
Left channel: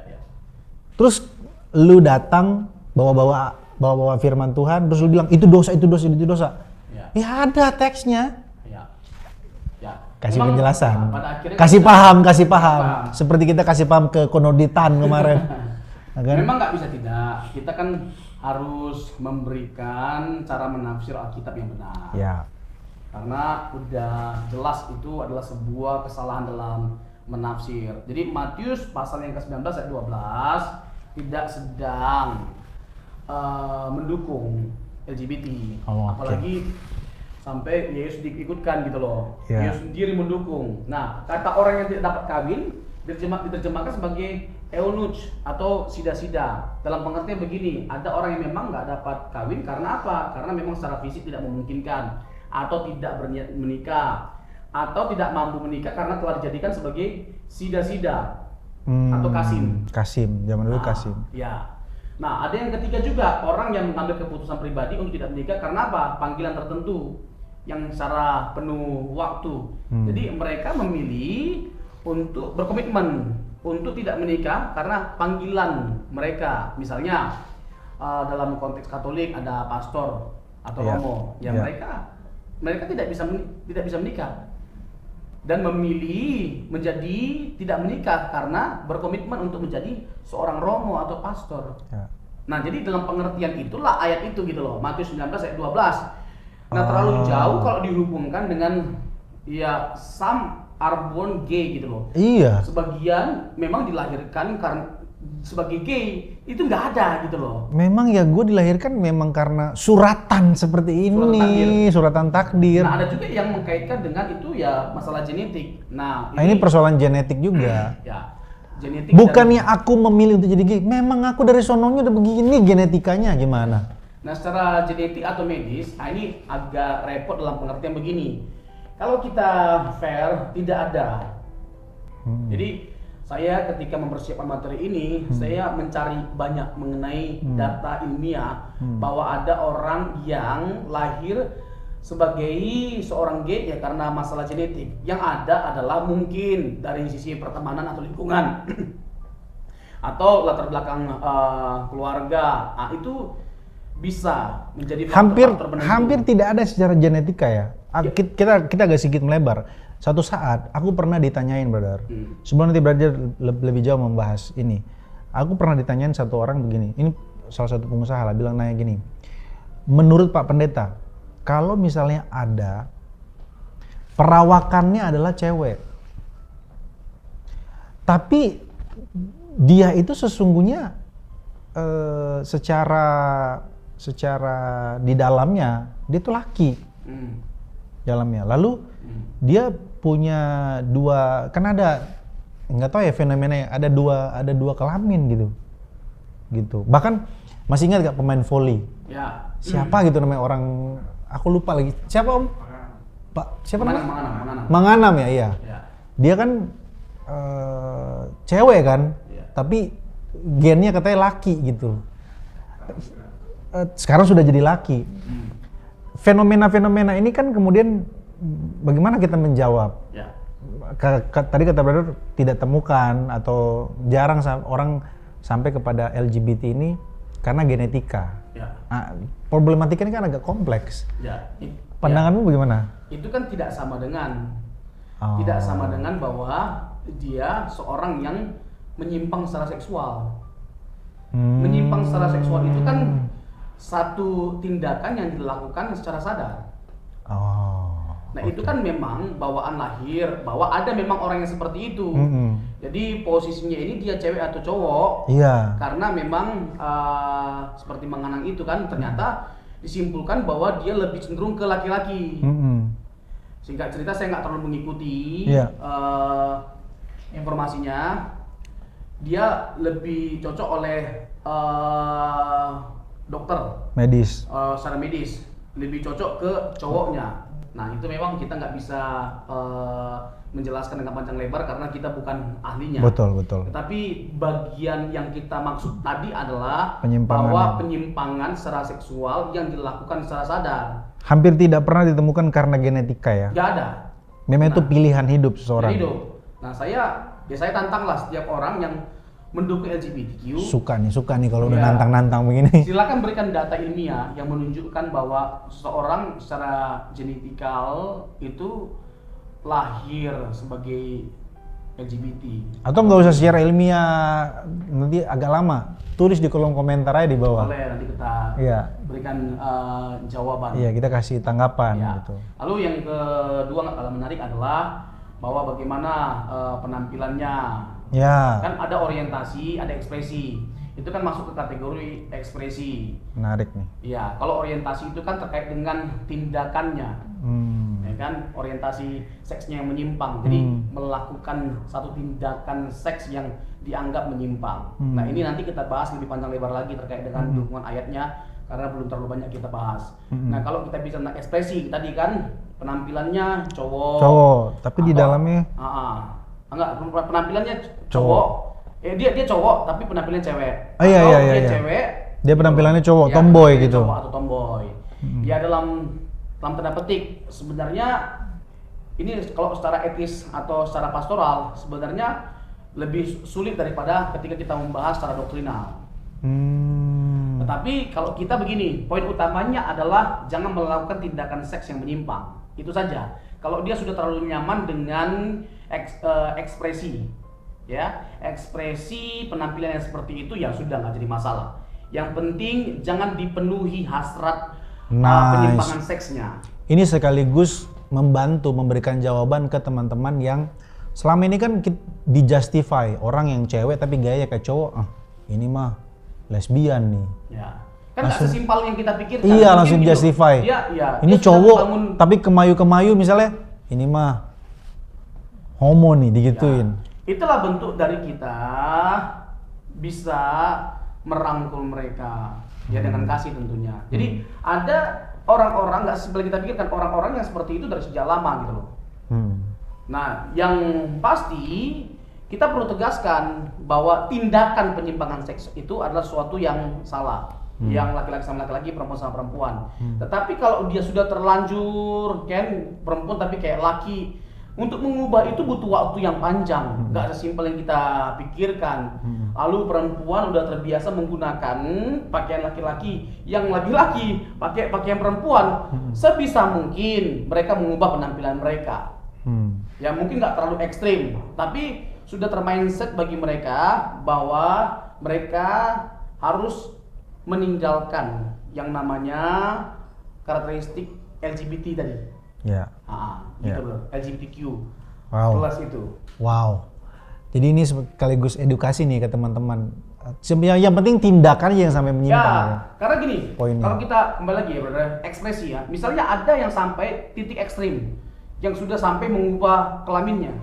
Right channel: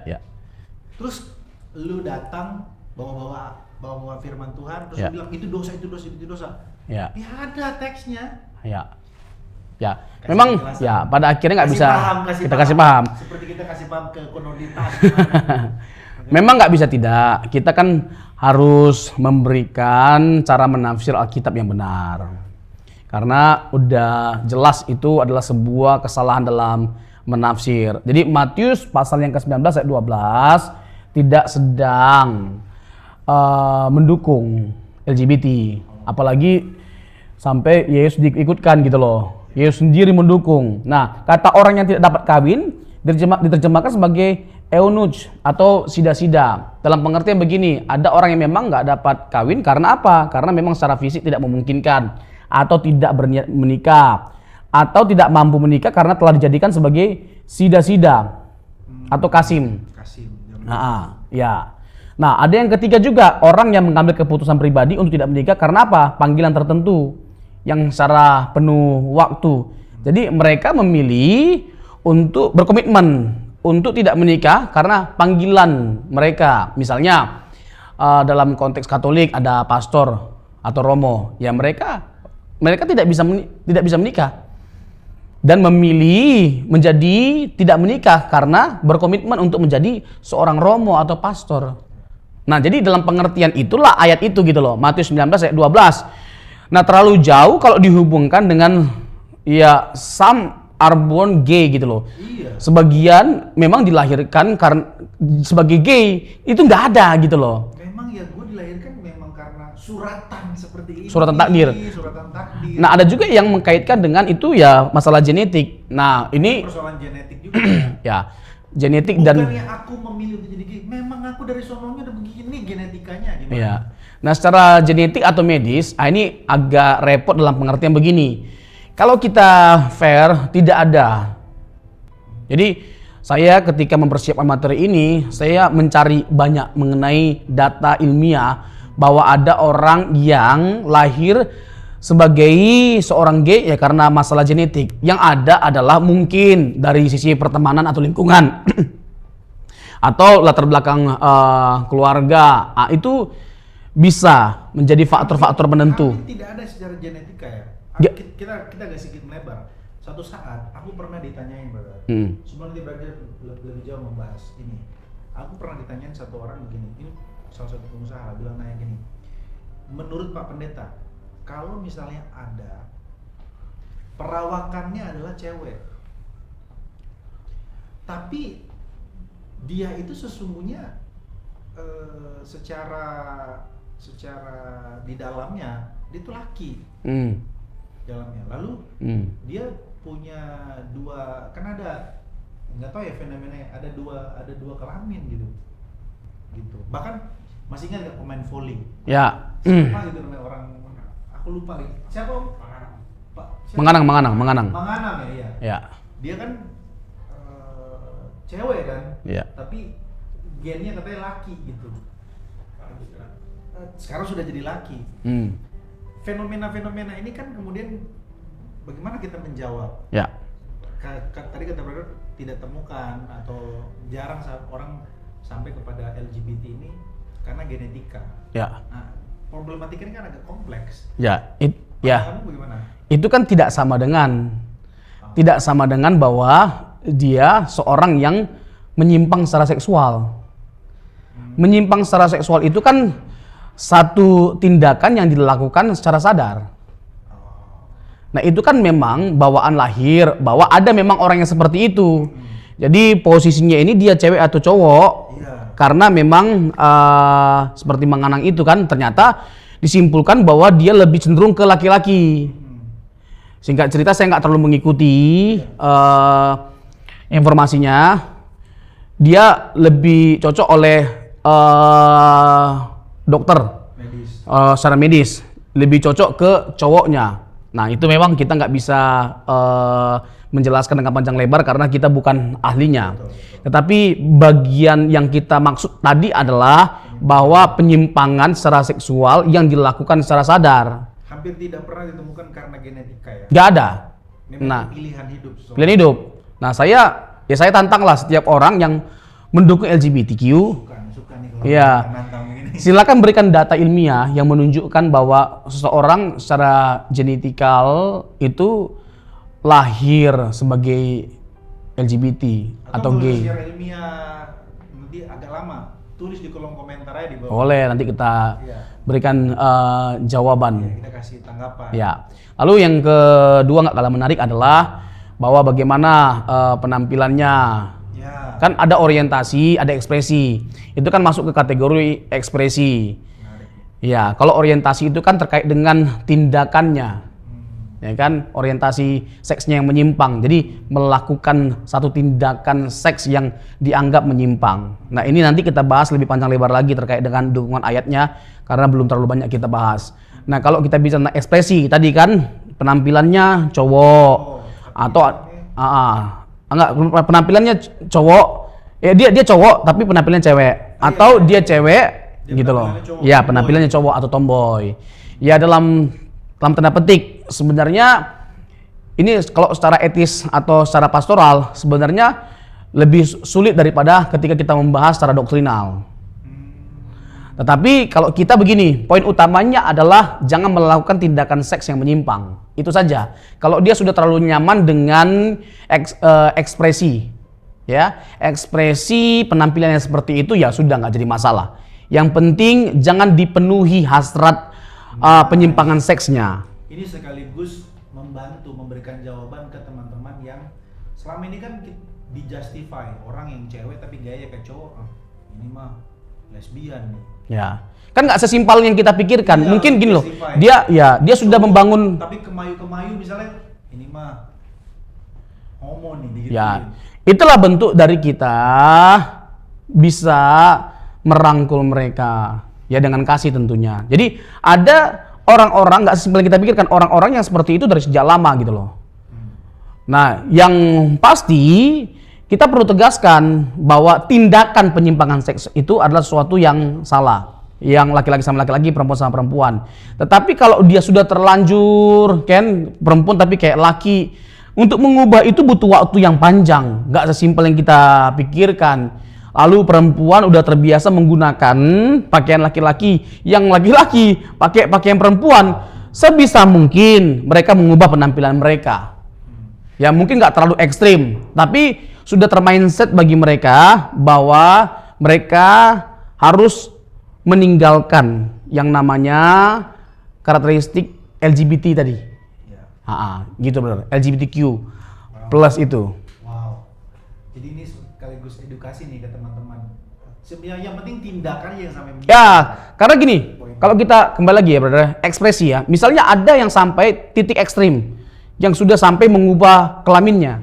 Terus lu datang bawa bawa firman Tuhan, terus lu bilang itu dosa, itu dosa, itu dosa. Ya. Ya ada teksnya. Ya. Ya. Kasih Memang penjelasan. ya, pada akhirnya nggak kasih bisa. paham. Kita kasih paham. Seperti kita kasih paham ke Konoditan kemarin. Kan? Memang nggak bisa tidak. Kita kan harus memberikan cara menafsir Alkitab yang benar. Ya. Karena udah jelas itu adalah sebuah kesalahan dalam menafsir. Jadi Matius pasal yang ke-19 ayat 12 tidak sedang mendukung LGBT. Apalagi sampai Yesus diikutkan gitu loh. Ya. Yesus sendiri mendukung. Nah, kata orang yang tidak dapat kawin diterjemahkan sebagai eunuch atau sida-sida. Dalam pengertian begini, ada orang yang memang nggak dapat kawin karena apa? Karena memang secara fisik tidak memungkinkan, atau tidak berniat menikah, atau tidak mampu menikah karena telah dijadikan sebagai sida-sida atau kasim. Kasim, zaman dulu Kasim. Ya. Nah, ada yang ketiga juga, orang yang mengambil keputusan pribadi untuk tidak menikah karena apa? Panggilan tertentu yang secara penuh waktu. Jadi mereka memilih untuk berkomitmen untuk tidak menikah karena panggilan mereka. Misalnya dalam konteks Katolik ada pastor atau romo, mereka tidak bisa menikah dan memilih menjadi tidak menikah karena berkomitmen untuk menjadi seorang romo atau pastor. Nah, jadi dalam pengertian itulah ayat itu gitu loh, Matius 19 ayat 12. Nah, terlalu jauh kalau dihubungkan dengan ya some are born gay gitu loh. Iya. Sebagian memang dilahirkan karena sebagai gay, itu nggak ada gitu loh. Memang ya gue dilahirkan memang karena suratan seperti ini. Suratan takdir. Suratan takdir. Nah, ada juga yang mengkaitkan dengan itu ya masalah genetik. Nah, ini ini persoalan genetik juga. ya genetik Bukannya aku memilih untuk jadi gay, memang aku dari sononya udah begini genetikanya gimana? Ya. Nah, secara genetik atau medis, ini agak repot dalam pengertian begini. Kalau kita fair, tidak ada. Jadi saya ketika mempersiapkan materi ini, saya mencari banyak mengenai data ilmiah bahwa ada orang yang lahir sebagai seorang gay ya karena masalah genetik. Yang ada adalah mungkin dari sisi pertemanan atau lingkungan atau latar belakang keluarga. Nah, itu bisa menjadi faktor-faktor penentu. Hampir tidak ada secara genetika ya. Kita agak sedikit melebar. Suatu saat aku pernah ditanyain, brother. Sebelum nanti brother lebih jauh membahas ini, aku pernah ditanyain satu orang begini. Ini salah satu pengusaha lah bilang nanya gini. Menurut Pak Pendeta, kalau misalnya ada perawakannya adalah cewek, tapi dia itu sesungguhnya secara di dalamnya dia tuh laki. Dalamnya. Lalu dia punya dua, kan ada nggak tahu ya fenomenanya, ada dua kelamin gitu. Bahkan masih ingat gak pemain volley? Ya. Siapa gitu namanya orang, aku lupa lagi. Siapa Om? Pak siapa? Manganam ya, iya. Ya. Dia kan cewek kan, tapi gennya katanya laki gitu. Sekarang sudah jadi laki. Fenomena-fenomena ini kan kemudian bagaimana kita menjawab? Ya. Tadi kata brother tidak temukan atau jarang orang sampai kepada LGBT ini karena genetika. Ya. Nah, problematika ini kan agak kompleks. Ya. Pandanganmu bagaimana? Itu kan tidak sama dengan bahwa dia seorang yang menyimpang secara seksual. Menyimpang secara seksual itu kan satu tindakan yang dilakukan secara sadar. Nah, itu kan memang bawaan lahir, bahwa ada memang orang yang seperti itu. Jadi posisinya ini dia cewek atau cowok. Iya. Karena memang seperti menganang itu kan ternyata disimpulkan bahwa dia lebih cenderung ke laki-laki. Singkat cerita saya nggak terlalu mengikuti informasinya. Dia lebih cocok oleh dokter medis, secara medis lebih cocok ke cowoknya. Nah, itu memang kita nggak bisa menjelaskan dengan panjang lebar karena kita bukan ahlinya. Betul. Tetapi bagian yang kita maksud tadi adalah bahwa penyimpangan secara seksual yang dilakukan secara sadar hampir tidak pernah ditemukan karena genetika ya. Nggak ada. Memang itu pilihan hidup seseorang. Pilihan hidup. Nah, saya tantang lah setiap orang yang mendukung LGBTQ, Suka nih kalau Iya. nantang-nantang begini. silakan berikan data ilmiah yang menunjukkan bahwa seseorang secara genetikal itu lahir sebagai LGBT. Atau nggak usah gay. secara ilmiah, nanti agak lama. Tulis di kolom komentar aja di bawah. Boleh, nanti kita Iya. berikan jawaban. Iya, kita kasih tanggapan. Ya. gitu. Lalu yang kedua nggak kalah menarik adalah bahwa bagaimana penampilannya. Ya, Kan ada orientasi, ada ekspresi. Itu kan masuk ke kategori ekspresi. menarik nih. Ya, kalau orientasi itu kan terkait dengan tindakannya. Hmm. Ya kan, orientasi seksnya yang menyimpang. Jadi melakukan satu tindakan seks yang dianggap menyimpang. Nah, ini nanti kita bahas lebih panjang lebar lagi terkait dengan dukungan ayatnya karena belum terlalu banyak kita bahas. Nah, kalau kita bicara tentang ekspresi tadi kan penampilannya cowok Oh, tapi di dalamnya enggak, penampilannya cowok. Ya dia cowok tapi penampilannya cewek. Ah, iya, Atau iya, dia iya. cewek Dia gitu penampilannya loh. cowok, Ya, tomboy penampilannya gitu. cowok atau tomboy. Ya dalam tanda petik sebenarnya ini kalau secara etis atau secara pastoral sebenarnya lebih sulit daripada ketika kita membahas secara doktrinal. Tetapi kalau kita begini, poin utamanya adalah jangan melakukan tindakan seks yang menyimpang. Itu saja. Kalau dia sudah terlalu nyaman dengan ekspresi, ya, ekspresi penampilannya seperti itu ya sudah nggak jadi masalah. Yang penting jangan dipenuhi hasrat penyimpangan seksnya. Ini sekaligus membantu memberikan jawaban ke teman-teman yang selama ini kan dijustify orang yang cewek tapi gaya kayak cowok. Ini mah lesbian nih. Ya, kan nggak sesimpel yang kita pikirkan. Iya, Mungkin langsung gini loh, justify. dia Ini sudah cowok, membangun. tapi kemayu-kemayu misalnya ini mah homo nih digituin. Ya, itulah bentuk dari kita bisa merangkul mereka ya dengan kasih tentunya. Jadi ada orang-orang nggak sesimpel yang kita pikirkan, orang-orang yang seperti itu dari sejak lama gitu loh. Nah, yang pasti kita perlu tegaskan bahwa tindakan penyimpangan seks itu adalah sesuatu yang salah. Yang laki-laki sama laki-laki, perempuan sama perempuan. Tetapi kalau dia sudah terlanjur, kan perempuan tapi kayak laki, untuk mengubah itu butuh waktu yang panjang. Nggak sesimpel yang kita pikirkan. Lalu perempuan udah terbiasa menggunakan pakaian laki-laki, yang laki-laki pakai pakaian perempuan. Sebisa mungkin mereka mengubah penampilan mereka. Ya mungkin nggak terlalu ekstrim, tapi sudah termindset bagi mereka bahwa mereka harus meninggalkan yang namanya karakteristik LGBT tadi. Ya. Gitu benar. LGBTQ Wow. plus itu. Wow. Jadi ini sekaligus edukasi nih ke teman-teman. Yang penting tindakan yang sampai menyimpang. Ya, karena gini, Poinnya. kalau kita kembali lagi ya, brother, ekspresi ya. Misalnya ada yang sampai titik ekstrim, yang sudah sampai mengubah kelaminnya.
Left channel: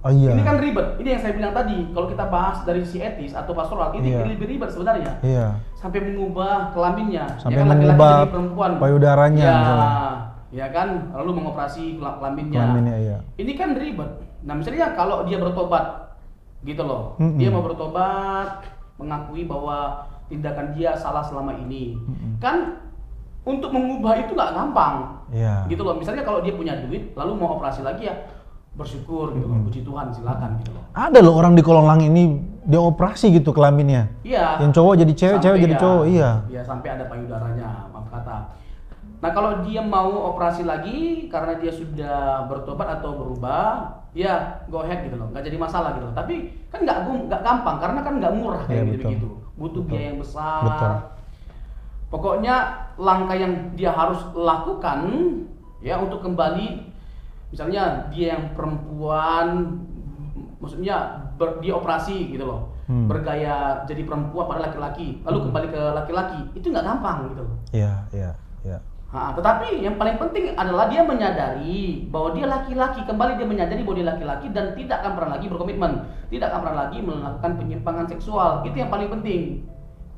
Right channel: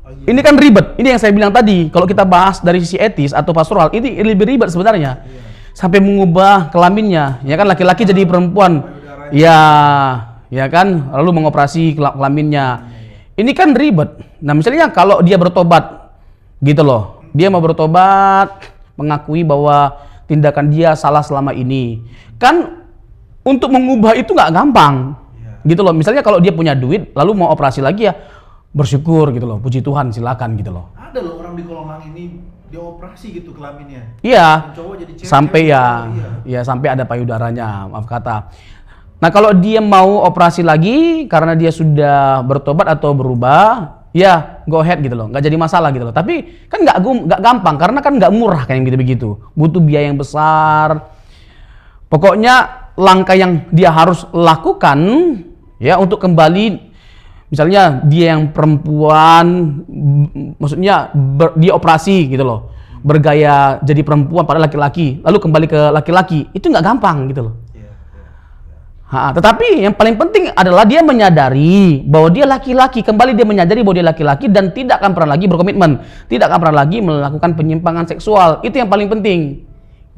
Oh iya. Ini kan ribet. Ini yang saya bilang tadi. Kalau kita bahas dari sisi etis atau pastoral, ini lebih ribet sebenarnya. Iya. Sampai mengubah kelaminnya. Ya kan laki-laki mengubah jadi perempuan. payudaranya. Ya, ya kan. Lalu mengoperasi kelaminnya. Kelaminnya, iya. Ini kan ribet. Nah, misalnya kalau dia bertobat, gitu loh. Dia mau bertobat, mengakui bahwa tindakan dia salah selama ini. Kan untuk mengubah itu nggak gampang. Iya. Gitu loh. Misalnya kalau dia punya duit, lalu mau operasi lagi ya bersyukur gitu loh. Puji Tuhan, silakan gitu loh. Ada loh orang di kolong langit ini dioperasi gitu kelaminnya. Iya. Yang cowok jadi cewek, Sampai cewek jadi ya, cowok, iya. ya sampai ada payudaranya, maaf kata. Nah kalau dia mau operasi lagi karena dia sudah bertobat atau berubah, ya go ahead gitu loh, nggak jadi masalah gitu loh. Tapi kan nggak gampang karena kan nggak murah kayak gitu-begitu, butuh biaya yang besar. Pokoknya langkah yang dia harus lakukan ya untuk kembali. Misalnya dia yang perempuan, maksudnya dia operasi gitu loh, bergaya jadi perempuan pada laki-laki, lalu kembali ke laki-laki, itu nggak gampang gitu loh. Iya. Tetapi yang paling penting adalah dia menyadari bahwa dia laki-laki, kembali dia menyadari bahwa dia laki-laki dan tidak akan pernah lagi berkomitmen, tidak akan pernah lagi melakukan penyimpangan seksual, itu yang paling penting,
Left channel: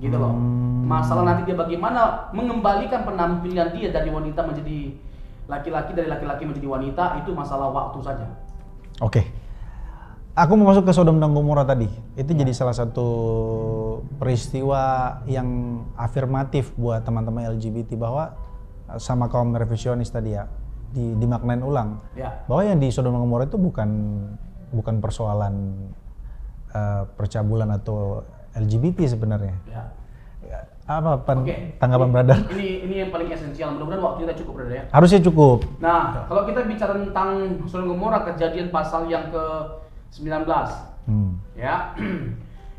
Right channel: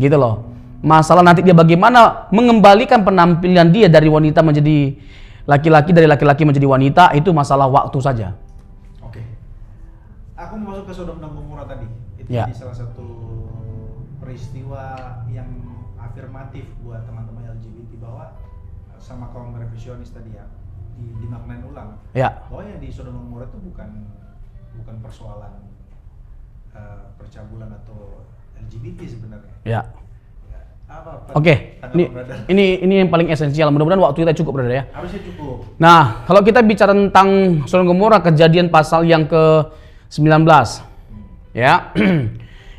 gitu loh. Masalah nanti dia bagaimana mengembalikan penampilan dia dari wanita menjadi laki-laki, dari laki-laki menjadi wanita, itu masalah waktu saja. Oke. Aku mau masuk ke Sodom dan Gomora tadi. Itu Ya. jadi salah satu peristiwa yang afirmatif buat teman-teman LGBT bahwa sama kaum revisionis tadi ya, dimaknain ulang. Ya. Bahwa yang di Sodom dan Gomora itu bukan persoalan percabulan atau LGBT sebenarnya. Ya. Apa Oke, tanggapan brother? Ini yang paling esensial. Mudah-mudahan waktu kita cukup, brother ya. Harusnya cukup. Nah, kalau kita bicara tentang Sodom Gomora, kejadian pasal yang ke-19. Ya.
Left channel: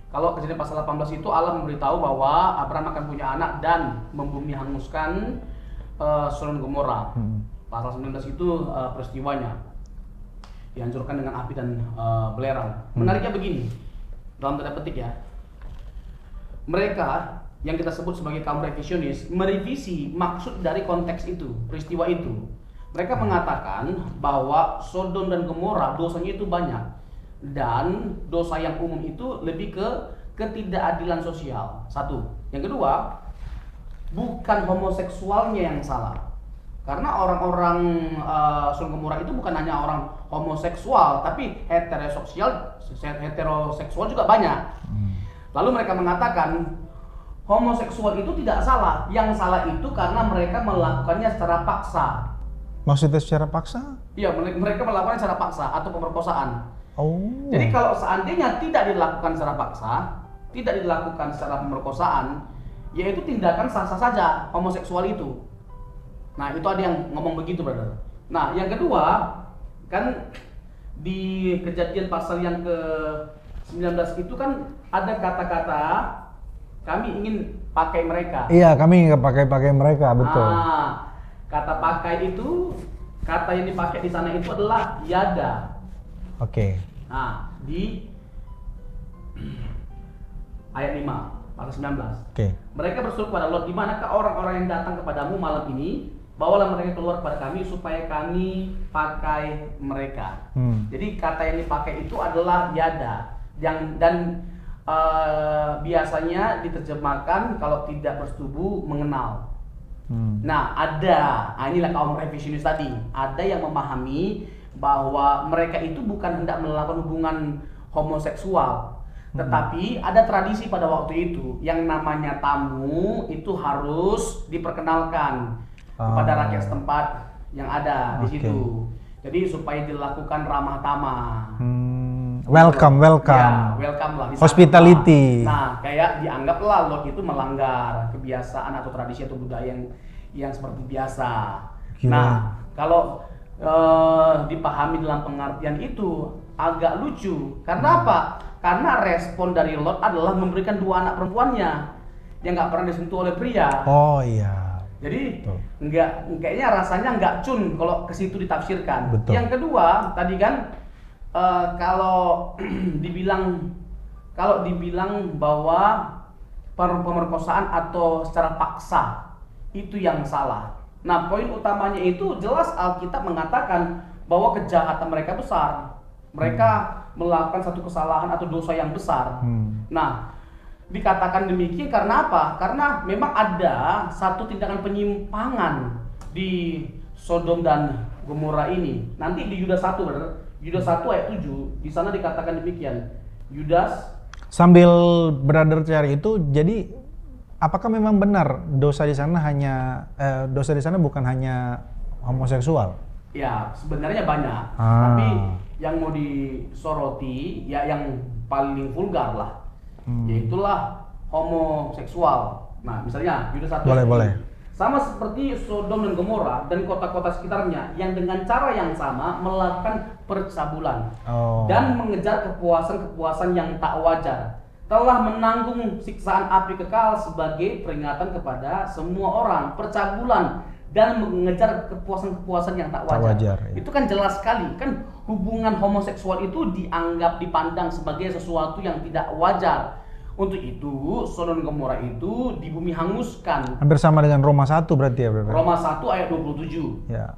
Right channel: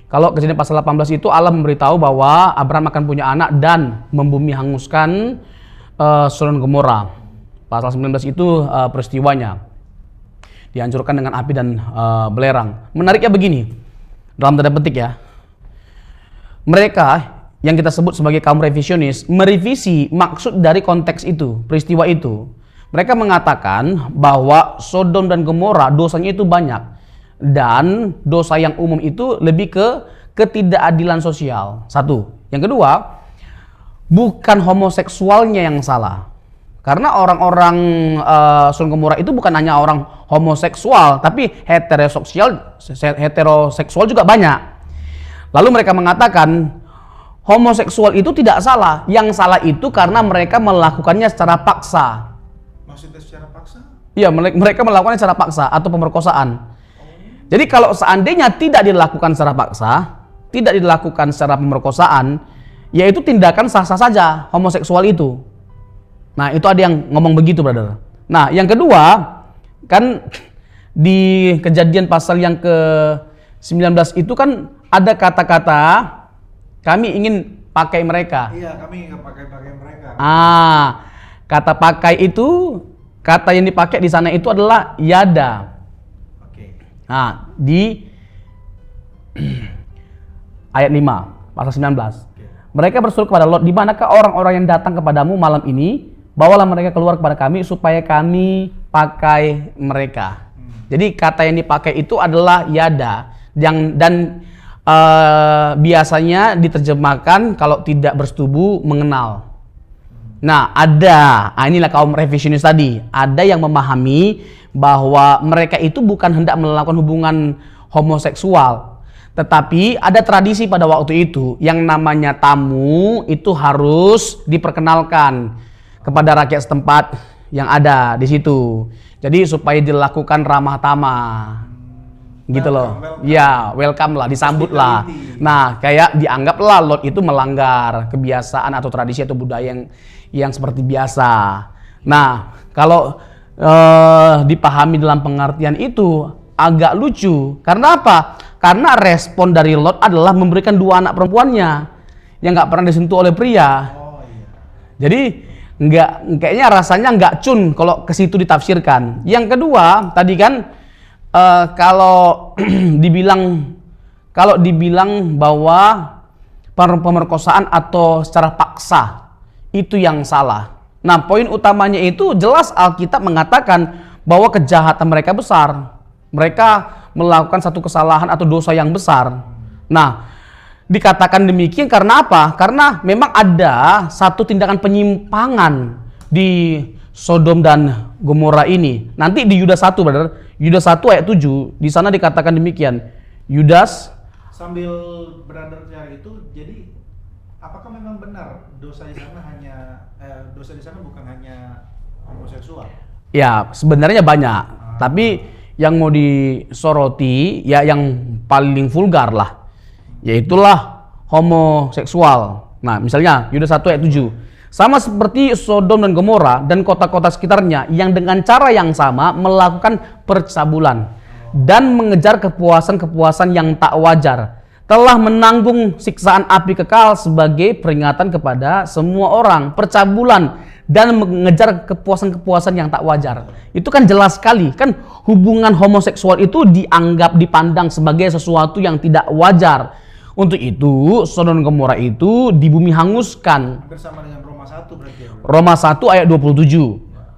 Kalau kejadian pasal 18 itu Allah memberitahu bahwa Abraham akan punya anak dan membumi hanguskan Sodom Gomora. Pasal 19 itu peristiwanya. Dihancurkan dengan api dan belerang. Menariknya begini, dalam tanda petik ya. Mereka yang kita sebut sebagai kaum revisionis merevisi maksud dari konteks itu, peristiwa itu. Mereka mengatakan bahwa Sodom dan Gomora dosanya itu banyak dan dosa yang umum itu lebih ke ketidakadilan sosial. Satu. Yang kedua, bukan homoseksualnya yang salah. Karena orang-orang Sodom Gomora itu bukan hanya orang homoseksual, tapi heteroseksual juga banyak. Lalu mereka mengatakan homoseksual itu tidak salah. Yang salah itu karena mereka melakukannya secara paksa. Maksudnya secara paksa? Iya, mereka melakukannya secara paksa atau pemerkosaan. Oh. Jadi kalau seandainya tidak dilakukan secara paksa, tidak dilakukan secara pemerkosaan, yaitu tindakan sah-sah saja homoseksual itu. Nah, itu ada yang ngomong begitu, brother. Nah, yang kedua, kan di kejadian pasal yang ke-19 itu kan ada kata-kata kami ingin pakai mereka. Iya, kami ingin pakai mereka. Betul. Kata pakai itu, kata yang dipakai di sana itu adalah yada. Oke. Nah, di ayat 5, pasal 19. Oke. Mereka berseru kepada Lot, di manakah orang-orang yang datang kepadamu malam ini? Bawalah mereka keluar kepada kami supaya kami pakai mereka. Jadi kata yang dipakai itu adalah yada. Dan biasanya diterjemahkan kalau tidak bersetubuh mengenal. Nah, inilah kaum revisionis tadi. Ada yang memahami bahwa mereka itu bukan hendak melakukan hubungan homoseksual. Tetapi ada tradisi pada waktu itu yang namanya tamu itu harus diperkenalkan kepada rakyat setempat yang ada di situ. Jadi supaya dilakukan ramah tamah. Welcome. Ya, welcome lah, disambut lah. Hospitality. Nah, kayak dianggaplah Lot itu melanggar kebiasaan atau tradisi atau budaya yang seperti biasa. Nah, kalau dipahami dalam pengertian itu agak lucu. Karena apa? Karena respon dari Lot adalah memberikan 2 anak perempuannya yang nggak pernah disentuh oleh pria. Oh iya. Jadi kayaknya rasanya nggak cun kalau ke situ ditafsirkan. Betul. Yang kedua, tadi kan kalau dibilang bahwa pemerkosaan atau secara paksa itu yang salah. Nah, poin utamanya itu jelas Alkitab mengatakan bahwa kejahatan mereka besar. Mereka melakukan satu kesalahan atau dosa yang besar. Nah, dikatakan demikian karena apa? Karena memang ada satu tindakan penyimpangan di Sodom dan Gomora ini. Nanti di Yudas 1, brother. Yudas 1 ayat 7, di sana dikatakan demikian. Yudas, sambil brother cari itu, jadi apakah memang benar dosa di sana bukan hanya homoseksual? Ya, sebenarnya banyak. Tapi yang mau disoroti ya yang paling vulgar lah. Yaitulah homoseksual. Nah, misalnya Yudas 1 ayat 7. Boleh. Sama seperti Sodom dan Gomora dan kota-kota sekitarnya yang dengan cara yang sama melakukan percabulan dan mengejar kepuasan-kepuasan yang tak wajar, telah menanggung siksaan api kekal sebagai peringatan kepada semua orang. Percabulan dan mengejar kepuasan-kepuasan yang tak wajar. Itu kan jelas sekali. Kan hubungan homoseksual itu dipandang sebagai sesuatu yang tidak wajar. Untuk itu, Sodom dan Gomora itu dibumi hanguskan. Hampir sama dengan Roma 1 berarti ya, bro? Roma 1 ayat 27. Ya.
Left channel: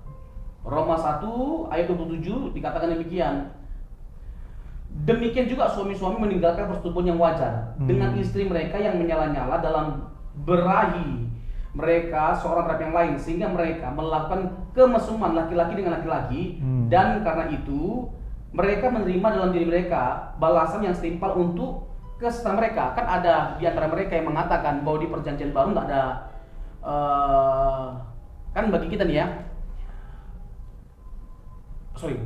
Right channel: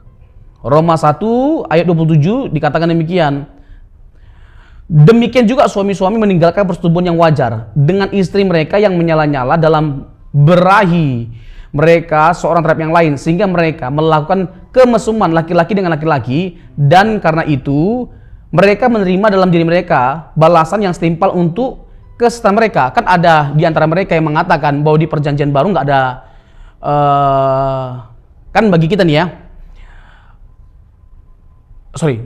Roma 1 ayat 27 dikatakan demikian. Demikian juga suami-suami meninggalkan persetubuhan yang wajar dengan istri mereka yang menyala-nyala dalam berahi mereka seorang terhadap yang lain, sehingga mereka melakukan kemesuman laki-laki dengan laki-laki, dan karena itu mereka menerima dalam diri mereka balasan yang setimpal untuk kesetan mereka. Kan ada di antara mereka yang mengatakan bahwa di perjanjian baru nggak ada kan bagi kita nih ya,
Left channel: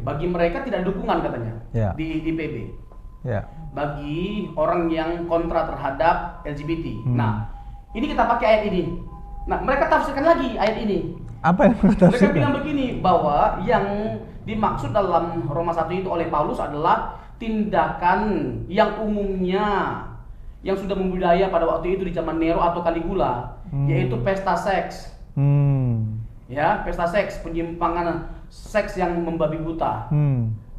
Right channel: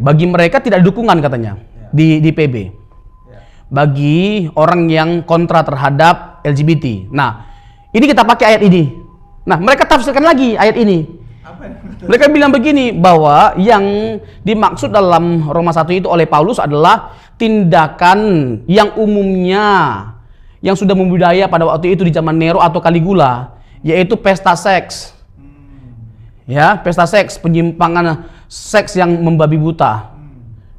bagi mereka tidak ada dukungan katanya di PB. Ya. bagi orang yang kontra terhadap LGBT. Nah, ini kita pakai ayat ini. Nah, mereka tafsirkan lagi ayat ini. Apa yang Mereka bilang begini, bahwa yang dimaksud dalam Roma 1 itu oleh Paulus adalah tindakan yang umumnya yang sudah membudaya pada waktu itu di zaman Nero atau Caligula, yaitu pesta seks. Ya, pesta seks, penyimpangan seks yang membabi buta.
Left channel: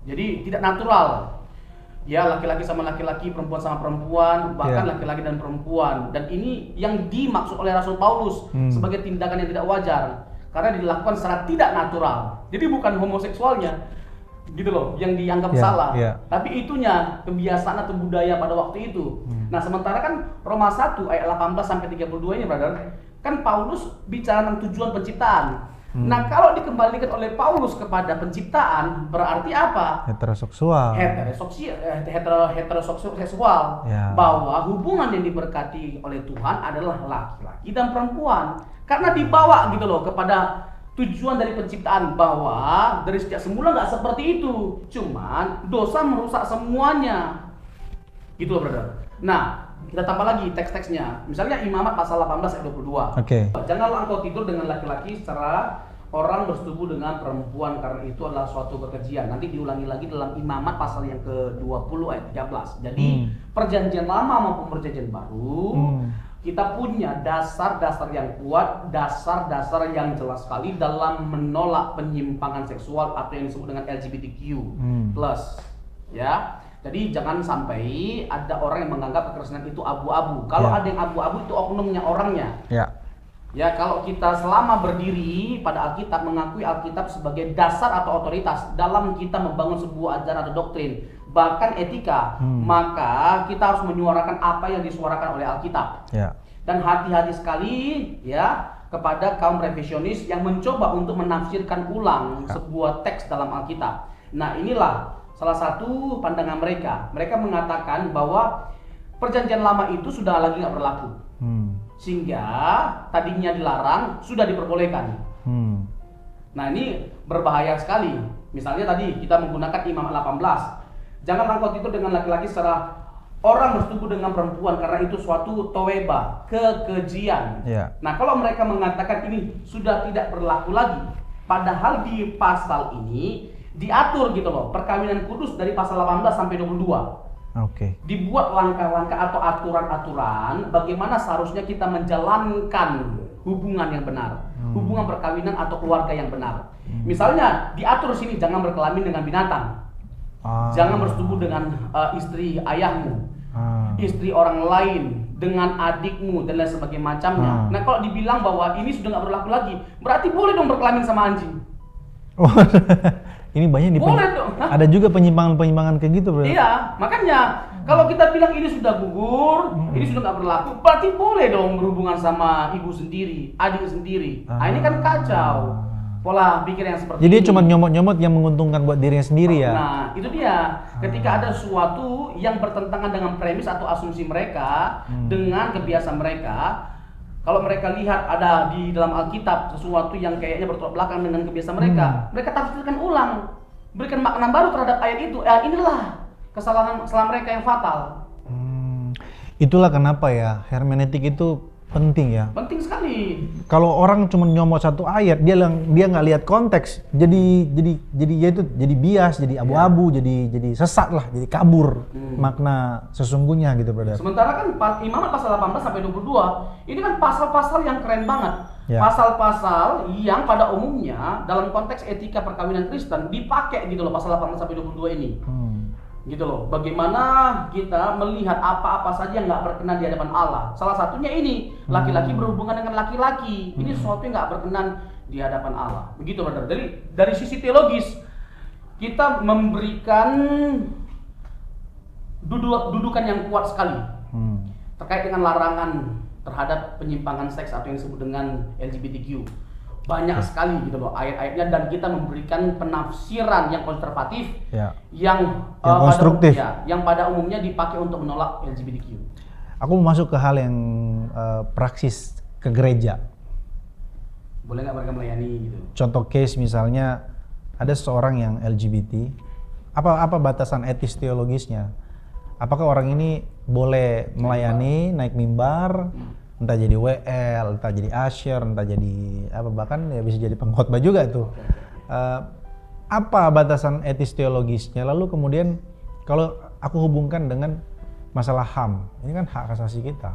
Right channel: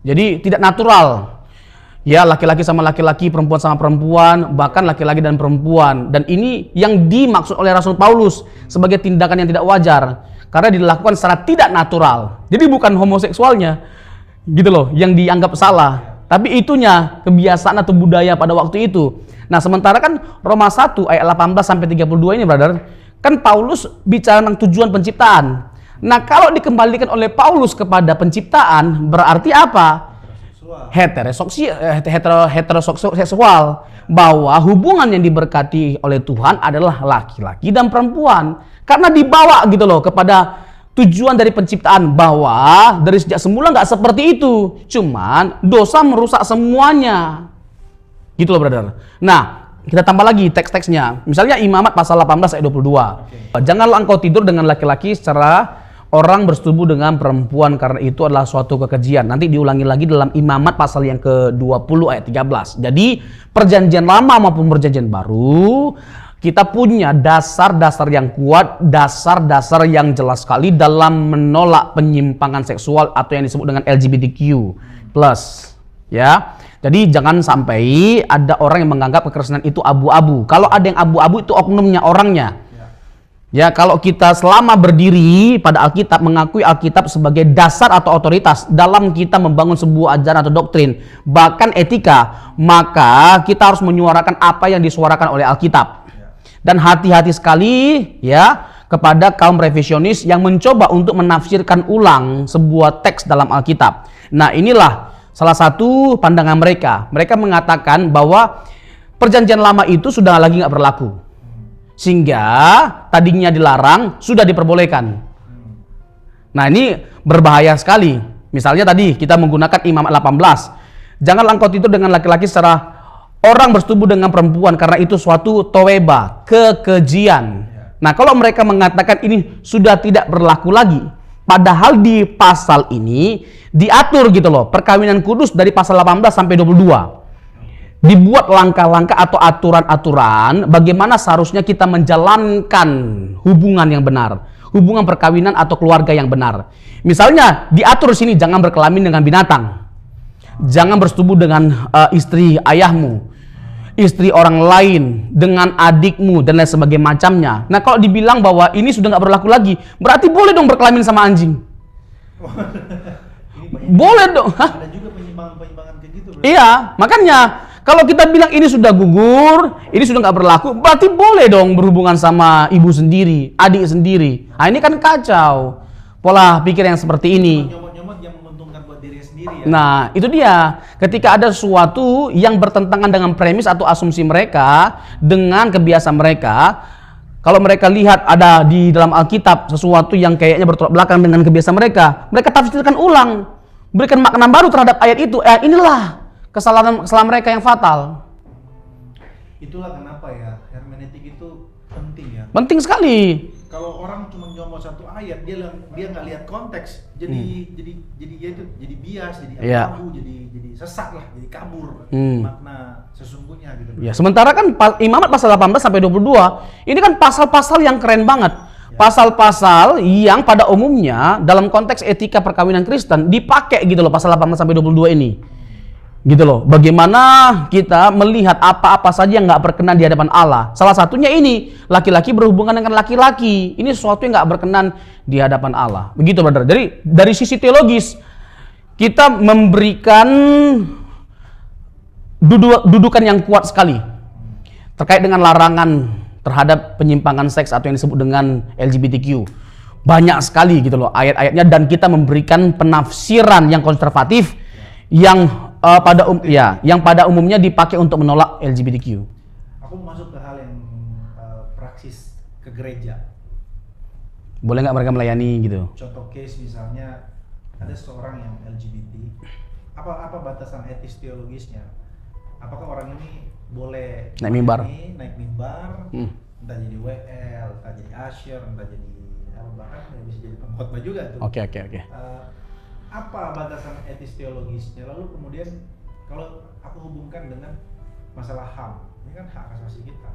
Jadi tidak natural. Ya, laki-laki sama laki-laki, perempuan sama perempuan, bahkan laki-laki dan perempuan. Dan ini yang dimaksud oleh Rasul Paulus sebagai tindakan yang tidak wajar karena dilakukan secara tidak natural. Jadi bukan homoseksualnya, gitu loh, yang dianggap salah. Tapi itunya kebiasaan atau budaya pada waktu itu. Nah, sementara kan Roma 1 ayat 18 sampai 32 ini, brother, kan Paulus bicara tentang tujuan penciptaan. Nah, kalau dikembalikan oleh Paulus kepada penciptaan, berarti apa? Heteroseksual. Bahwa hubungan yang diberkati oleh Tuhan adalah laki-laki dan perempuan. Karena dibawa gitu loh kepada tujuan dari penciptaan, bahwa dari sejak semula nggak seperti itu. Cuman dosa merusak semuanya. Gitu loh, brother. Nah, kita tambah lagi teks-teksnya. Misalnya Imamat pasal 18 ayat 22. Janganlah engkau tidur dengan laki-laki secara orang bersetubuh dengan perempuan, karena itu adalah suatu kekejian. Nanti diulangi lagi dalam Imamat pasal yang ke-20 ayat 13. Jadi perjanjian lama maupun perjanjian baru, kita punya dasar-dasar yang kuat, dasar-dasar yang jelas sekali dalam menolak penyimpangan seksual atau yang disebut dengan LGBTQ+. Ya. Jadi jangan sampai ada orang yang menganggap kekristenan itu abu-abu. Kalau ada yang abu-abu itu oknumnya, orangnya. Ya, kalau kita selama berdiri pada Alkitab, mengakui Alkitab sebagai dasar atau otoritas dalam kita membangun sebuah ajaran atau doktrin, bahkan etika, maka kita harus menyuarakan apa yang disuarakan oleh Alkitab. Dan hati-hati sekali ya kepada kaum revisionis yang mencoba untuk menafsirkan ulang sebuah teks dalam Alkitab. Nah, inilah salah satu pandangan mereka. Mereka mengatakan bahwa perjanjian lama itu sudah lagi nggak berlaku. Sehingga tadinya dilarang, sudah diperbolehkan. Nah, ini berbahaya sekali. Misalnya tadi kita menggunakan Imamat 18. Janganlah engkau tidur dengan laki-laki secara orang bersetubuh dengan perempuan, karena itu suatu toweba, kekejian. Nah, kalau mereka mengatakan ini sudah tidak berlaku lagi, padahal di pasal ini diatur gitu loh, perkawinan kudus dari pasal 18 sampai 22. Dibuat langkah-langkah atau aturan-aturan bagaimana seharusnya kita menjalankan hubungan yang benar, hubungan perkawinan atau keluarga yang benar. Misalnya diatur di sini, jangan berkelamin dengan binatang, jangan bersetubuh dengan istri ayahmu, istri orang lain, dengan adikmu dan lain sebagainya macamnya. Nah, kalau dibilang bahwa ini sudah nggak berlaku lagi, berarti boleh dong berkelamin sama anjing. Ini banyak boleh dong. Ada juga penyimpangan-penyimpangan kayak gitu, bro. Iya, makanya kalau kita bilang ini sudah gugur, ini sudah nggak berlaku, berarti boleh dong berhubungan sama ibu sendiri, adik sendiri. Nah, ini kan kacau pola pikir yang seperti ini. Cuma nyomot-nyomot yang menguntungkan buat dirinya sendiri ya. Nah, itu dia. Ketika ada sesuatu yang bertentangan dengan premis atau asumsi mereka, dengan kebiasaan mereka, kalau mereka lihat ada di dalam Alkitab sesuatu yang kayaknya bertolak belakang dengan kebiasaan mereka, mereka tafsirkan ulang, berikan makna baru terhadap ayat itu. Inilah kesalahan mereka yang fatal. Itulah kenapa ya hermeneutik itu penting ya. Penting sekali. Kalau orang cuma nyomot satu ayat, dia nggak lihat konteks, jadi ya itu jadi bias, jadi abu-abu, jadi sesat lah, jadi kabur makna sesungguhnya gitu, bro. Sementara kan Imamat pasal 18 sampai 22 ini kan pasal-pasal yang keren banget. Pasal-pasal yang pada umumnya dalam konteks etika perkawinan Kristen dipakai gitu loh, pasal 18 sampai 22 ini. Gitu loh, bagaimana kita melihat apa-apa saja yang nggak berkenan di hadapan Allah. Salah satunya ini, laki-laki berhubungan dengan laki-laki. Ini sesuatu yang nggak berkenan di hadapan Allah. Begitu, brother. Jadi dari sisi teologis, kita memberikan dudukan yang kuat sekali terkait dengan larangan terhadap penyimpangan seks atau yang disebut dengan LGBTQ. Banyak sekali gitu loh ayat-ayatnya, dan kita memberikan penafsiran yang konservatif yang pada umumnya dipakai untuk menolak LGBTQ. Aku mau masuk ke hal yang praksis ke gereja. Boleh nggak mereka melayani gitu? Contoh case misalnya ada seorang yang LGBT, apa batasan etis teologisnya? apakah orang ini boleh melayani naik mimbar, entah jadi WL, entah jadi usher, entah jadi apa, bahkan ya bisa jadi pengkhotbah juga tuh. Oke. Apa batasan etis teologisnya? Lalu kemudian kalau aku hubungkan dengan masalah HAM, ini kan hak asasi kita,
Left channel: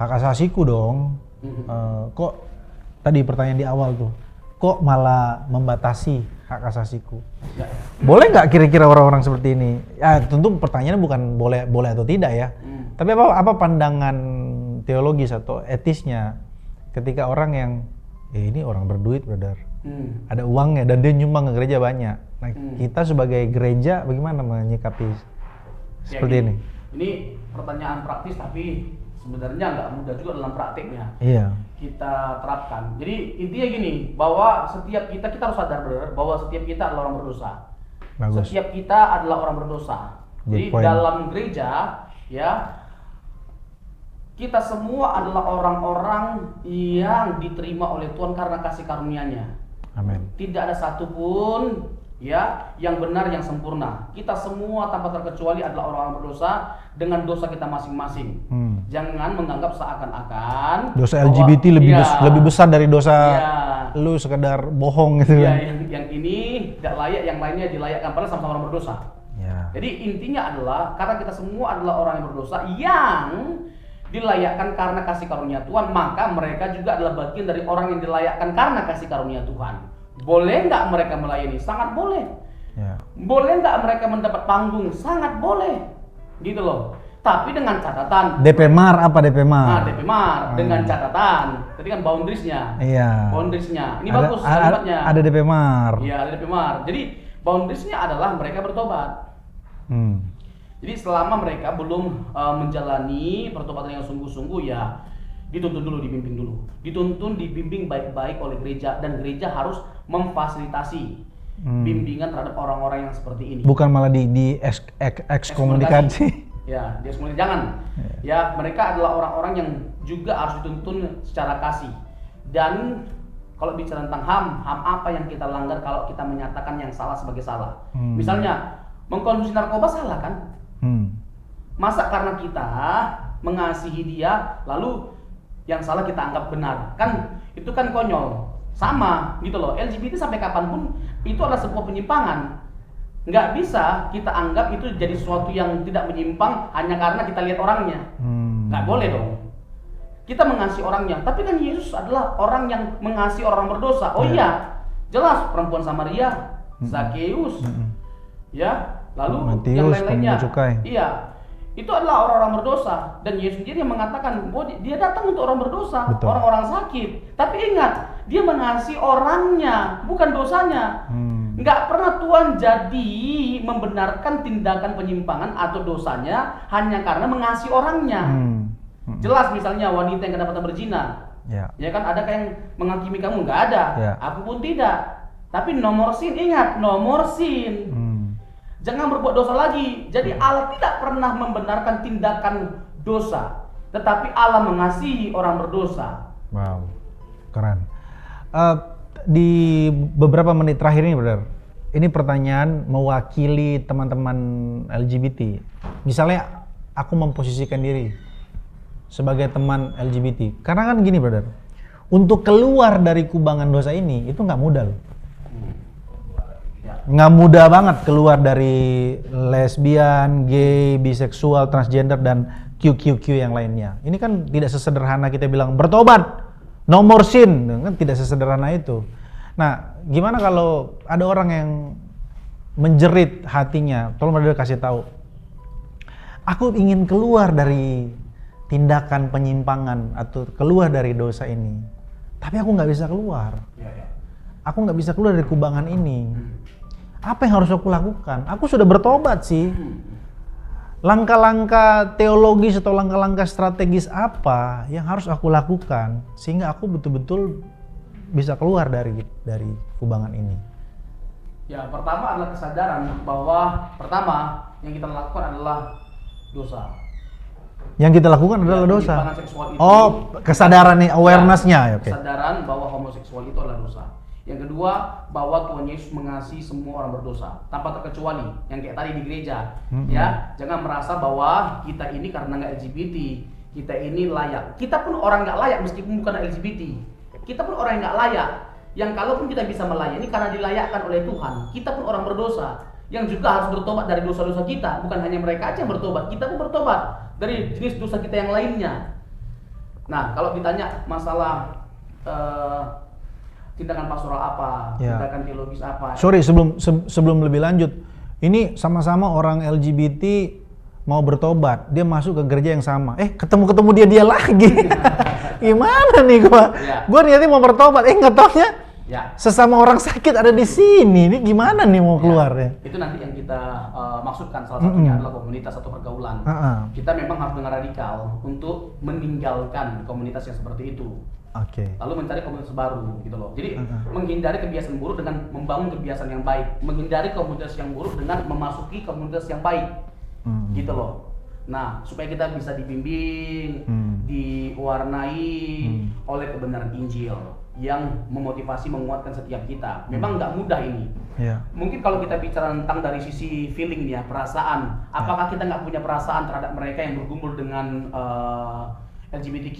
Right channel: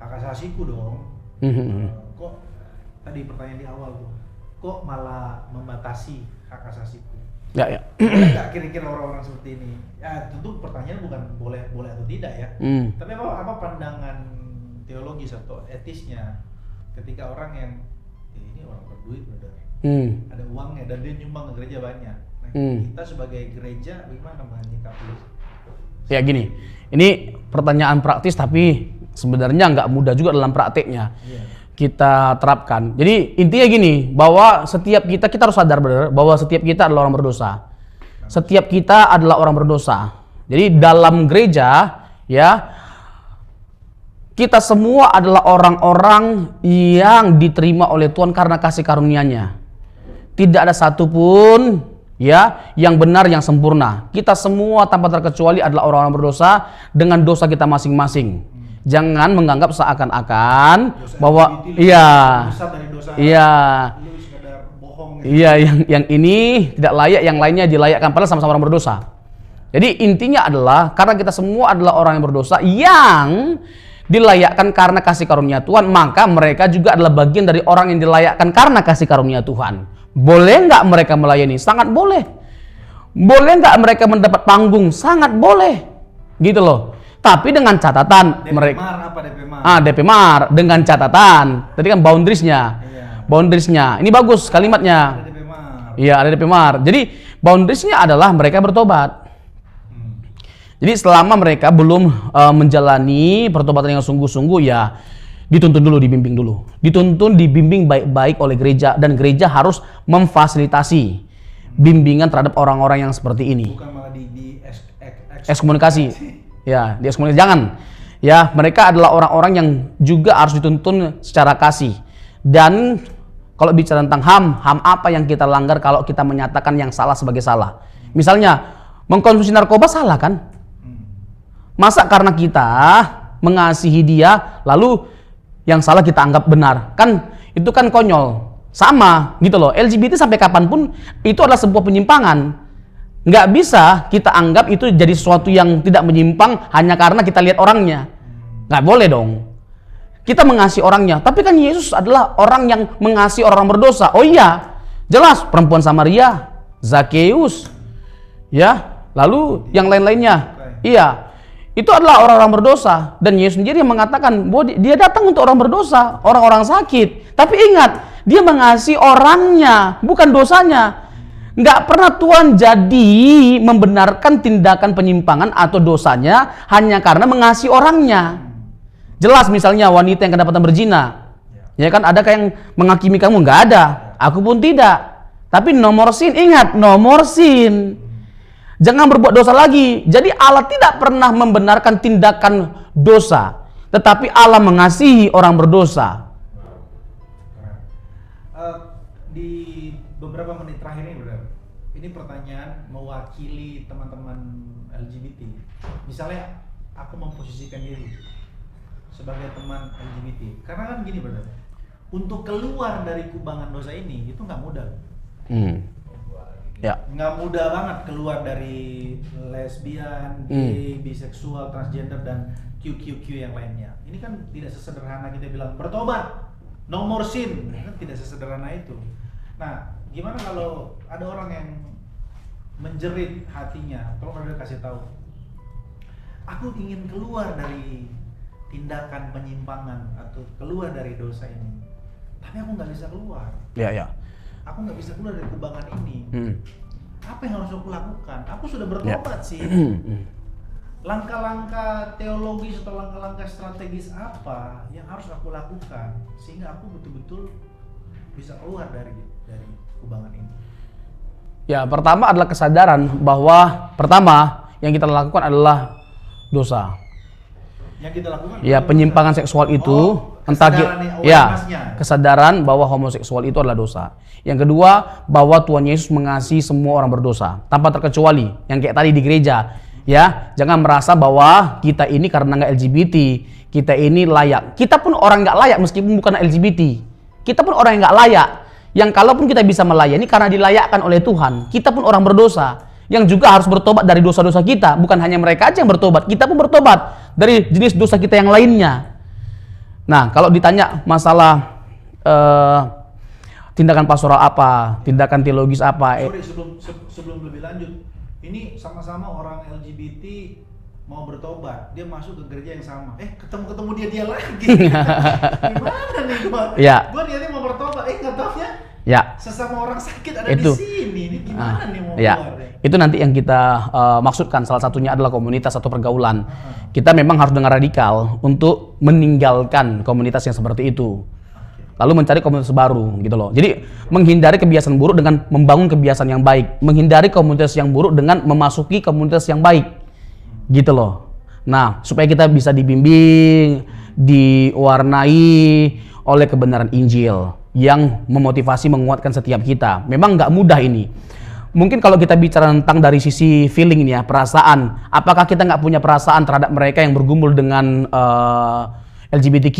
hak asasiku dong. Kok tadi pertanyaan di awal tuh, kok malah membatasi hak asasiku? Ya. Boleh nggak kira-kira orang-orang seperti ini? Ya tentu pertanyaannya bukan boleh atau tidak ya. Tapi apa pandangan teologis atau etisnya ketika orang yang ini orang berduit, brother, ada uangnya dan dia nyumbang ke gereja banyak. Nah, kita sebagai gereja bagaimana menyikapi ya gini, ini pertanyaan praktis tapi sebenarnya nggak mudah juga dalam prakteknya. Iya. Kita terapkan. Jadi intinya gini, bahwa setiap kita harus sadar benar bahwa setiap kita adalah orang berdosa. Bagus. Setiap kita adalah orang berdosa. Jadi dalam gereja ya, kita semua adalah orang-orang yang diterima oleh Tuhan karena kasih karunia-Nya. Amin. Tidak ada satupun ya yang benar, yang sempurna. Kita semua tanpa terkecuali adalah orang-orang berdosa dengan dosa kita masing-masing. Jangan menganggap seakan-akan dosa bahwa LGBT lebih besar dari dosa lu sekedar bohong gitu. Iya, yang ini tidak layak, yang lainnya dilayakkan, padahal sama-sama orang berdosa. Ya. Jadi intinya adalah karena kita semua adalah orang yang berdosa yang dilayakkan karena kasih karunia Tuhan, maka mereka juga adalah bagian dari orang yang dilayakkan karena kasih karunia Tuhan. Boleh nggak mereka melayani? Sangat boleh. Ya. Boleh nggak mereka mendapat panggung? Sangat boleh. Gitu loh. Tapi dengan catatan DP Mar apa DP Mar? DP Mar dengan catatan. Tadi kan boundariesnya. Iya. Boundariesnya. Ini bagus kalimatnya. Ada DP Mar. Iya, ada DP Mar. Jadi boundariesnya adalah mereka bertobat. Jadi selama mereka belum menjalani pertobatan yang sungguh-sungguh, ya dituntun dulu, dibimbing dulu. Dituntun, dibimbing baik-baik oleh gereja, dan gereja harus memfasilitasi bimbingan terhadap orang-orang yang seperti ini. Bukan malah di ekskomunikasi. Ya, di ekskomunikasi jangan. Ya, mereka adalah orang-orang yang juga harus dituntun secara kasih. Dan kalau bicara tentang HAM apa yang kita langgar kalau kita menyatakan yang salah sebagai salah? Misalnya mengkonsumsi narkoba salah kan? Masa karena kita mengasihi dia lalu yang salah kita anggap benar? Kan itu kan konyol. Sama gitu loh. LGBT sampai kapanpun itu adalah sebuah penyimpangan. Nggak bisa kita anggap itu jadi sesuatu yang tidak menyimpang hanya karena kita lihat orangnya. Nggak boleh dong. Kita mengasihi orangnya. Tapi kan Yesus adalah orang yang mengasihi orang berdosa. Oh iya, jelas perempuan Samaria, Zakeus, ya, lalu yang lain-lainnya. Iya, itu adalah orang-orang berdosa. Dan Yesus sendiri yang mengatakan bahwa dia datang untuk orang berdosa, orang-orang sakit. Tapi ingat, dia mengasihi orangnya, bukan dosanya. Nggak pernah Tuhan jadi membenarkan tindakan penyimpangan atau dosanya hanya karena mengasihi orangnya. Jelas misalnya wanita yang kedapatan berzina, ya kan, adakah yang menghakimi kamu? Nggak ada. Aku pun tidak. Tapi nomor sin, ingat, nomor sin. Jangan berbuat dosa lagi. Jadi Allah tidak pernah membenarkan tindakan dosa, tetapi Allah mengasihi orang berdosa. Wow, keren. Di beberapa menit terakhir ini, brother, ini pertanyaan mewakili teman-teman LGBT. Misalnya aku memposisikan diri sebagai teman LGBT, karena kan gini, brother, untuk keluar dari kubangan dosa ini itu nggak mudah loh. Ya. Nggak mudah banget keluar dari lesbian, gay, biseksual, transgender, dan QQQ yang lainnya. Ini kan tidak sesederhana kita bilang bertobat, no more sin, kan tidak sesederhana itu. Nah, gimana kalau ada orang yang menjerit hatinya, tolong brother kasih tahu, aku ingin keluar dari tindakan penyimpangan atau keluar dari dosa ini, tapi aku nggak bisa keluar. Ya. Aku nggak bisa keluar dari kubangan ini. Apa yang harus aku lakukan? Aku sudah bertobat sih. Langkah-langkah teologis atau langkah-langkah strategis apa yang harus aku lakukan sehingga aku betul-betul bisa keluar dari kubangan ini? Ya, pertama adalah kesadaran bahwa pertama yang kita lakukan adalah dosa. Yang kita lakukan adalah penyimpangan dosa. seksual itu. Kesadaran nih, awareness-nya. Okay. Kesadaran bahwa homoseksual itu adalah dosa. Yang kedua, bahwa Tuhan Yesus mengasihi semua orang berdosa tanpa terkecuali. Yang kayak tadi di gereja, ya, jangan merasa bahwa kita ini karena nggak LGBT, kita ini layak. Kita pun orang nggak layak meskipun bukan LGBT. Kita pun orang yang nggak layak. Yang kalaupun kita bisa melayani karena dilayakkan oleh Tuhan. Kita pun orang berdosa yang juga harus bertobat dari dosa-dosa kita. Bukan hanya mereka aja yang bertobat, kita pun bertobat dari jenis dosa kita yang lainnya. Nah, kalau ditanya masalah tindakan pastoral apa, tindakan teologis apa. Sorry, sebelum lebih lanjut, ini sama-sama orang LGBT mau bertobat, dia masuk ke gereja yang sama. Ketemu dia lagi. Gimana nih gua? Ya. Gua niatnya mau bertobat, nggak taunya ya, sesama orang sakit ada di sini. Ini gimana nih mau keluar ya? Itu nanti yang kita maksudkan, salah satunya adalah komunitas atau pergaulan. Kita memang harus dengan radikal untuk meninggalkan komunitas yang seperti itu. Lalu mencari komunitas baru gitu loh. Jadi menghindari kebiasaan buruk dengan membangun kebiasaan yang baik. Menghindari komunitas yang buruk dengan memasuki komunitas yang baik. Gitu loh. Nah, supaya kita bisa dibimbing, diwarnai oleh kebenaran Injil yang memotivasi, menguatkan setiap kita. Memang nggak mudah ini. Mungkin kalau kita bicara tentang dari sisi feeling nih ya, perasaan. Apakah kita nggak punya perasaan terhadap mereka yang bergumul dengan LGBTQ?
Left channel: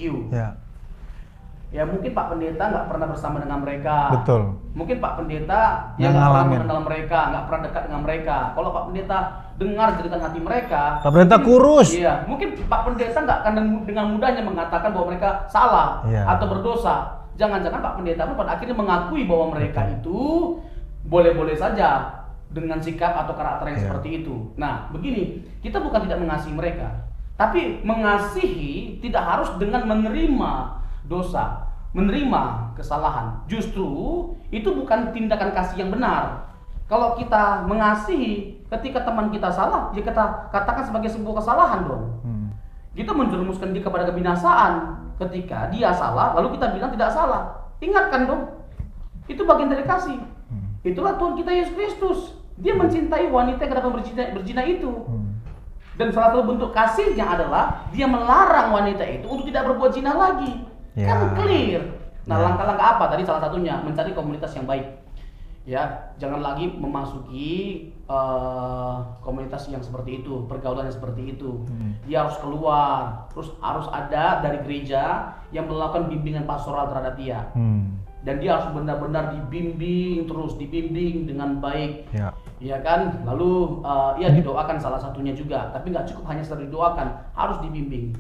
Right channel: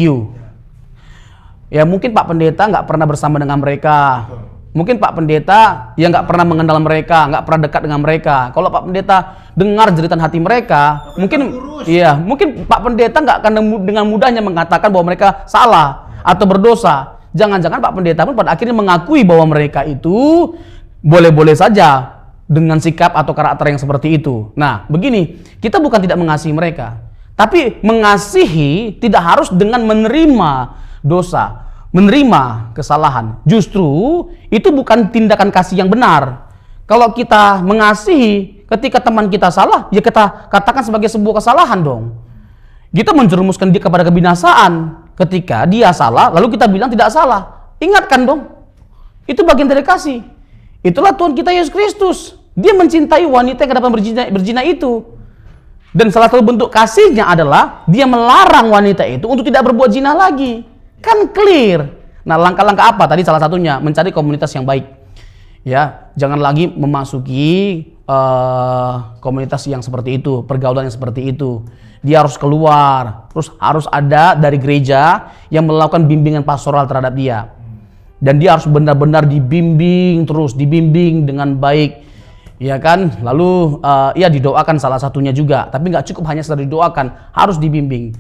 Ya mungkin Pak Pendeta nggak pernah bersama dengan mereka. Betul. Mungkin Pak Pendeta ya nggak pernah mengenal mereka, nggak pernah dekat dengan mereka. Kalau Pak Pendeta dengar jeritan hati mereka, Pak Pendeta mungkin kurus. Iya, mungkin Pak Pendeta nggak akan dengan mudahnya mengatakan bahwa mereka salah atau berdosa. Jangan-jangan Pak Pendeta pun pada akhirnya mengakui bahwa mereka itu boleh-boleh saja dengan sikap atau karakter yang seperti itu. Nah, begini, kita bukan tidak mengasihi mereka, tapi mengasihi tidak harus dengan menerima dosa, menerima kesalahan. Justru itu bukan tindakan kasih yang benar. Kalau kita mengasihi ketika teman kita salah, ya kita katakan sebagai sebuah kesalahan dong. Kita menjerumuskan dia kepada kebinasaan ketika dia salah, lalu kita bilang tidak salah. Ingatkan dong. Itu bagian dari kasih. Itulah Tuhan kita Yesus Kristus. Dia mencintai wanita yang kedapatan berzina itu. Dan salah satu bentuk kasihnya adalah dia melarang wanita itu untuk tidak berbuat zina lagi. Kan clear. Nah, langkah-langkah apa? Tadi salah satunya mencari komunitas yang baik. Ya, jangan lagi memasuki komunitas yang seperti itu, pergaulan yang seperti itu. Dia harus keluar, terus harus ada dari gereja yang melakukan bimbingan pastoral terhadap dia. Dan dia harus benar-benar dibimbing terus, dibimbing dengan baik. Ya kan? Lalu ya didoakan salah satunya juga, tapi nggak cukup hanya sekedar didoakan, harus dibimbing.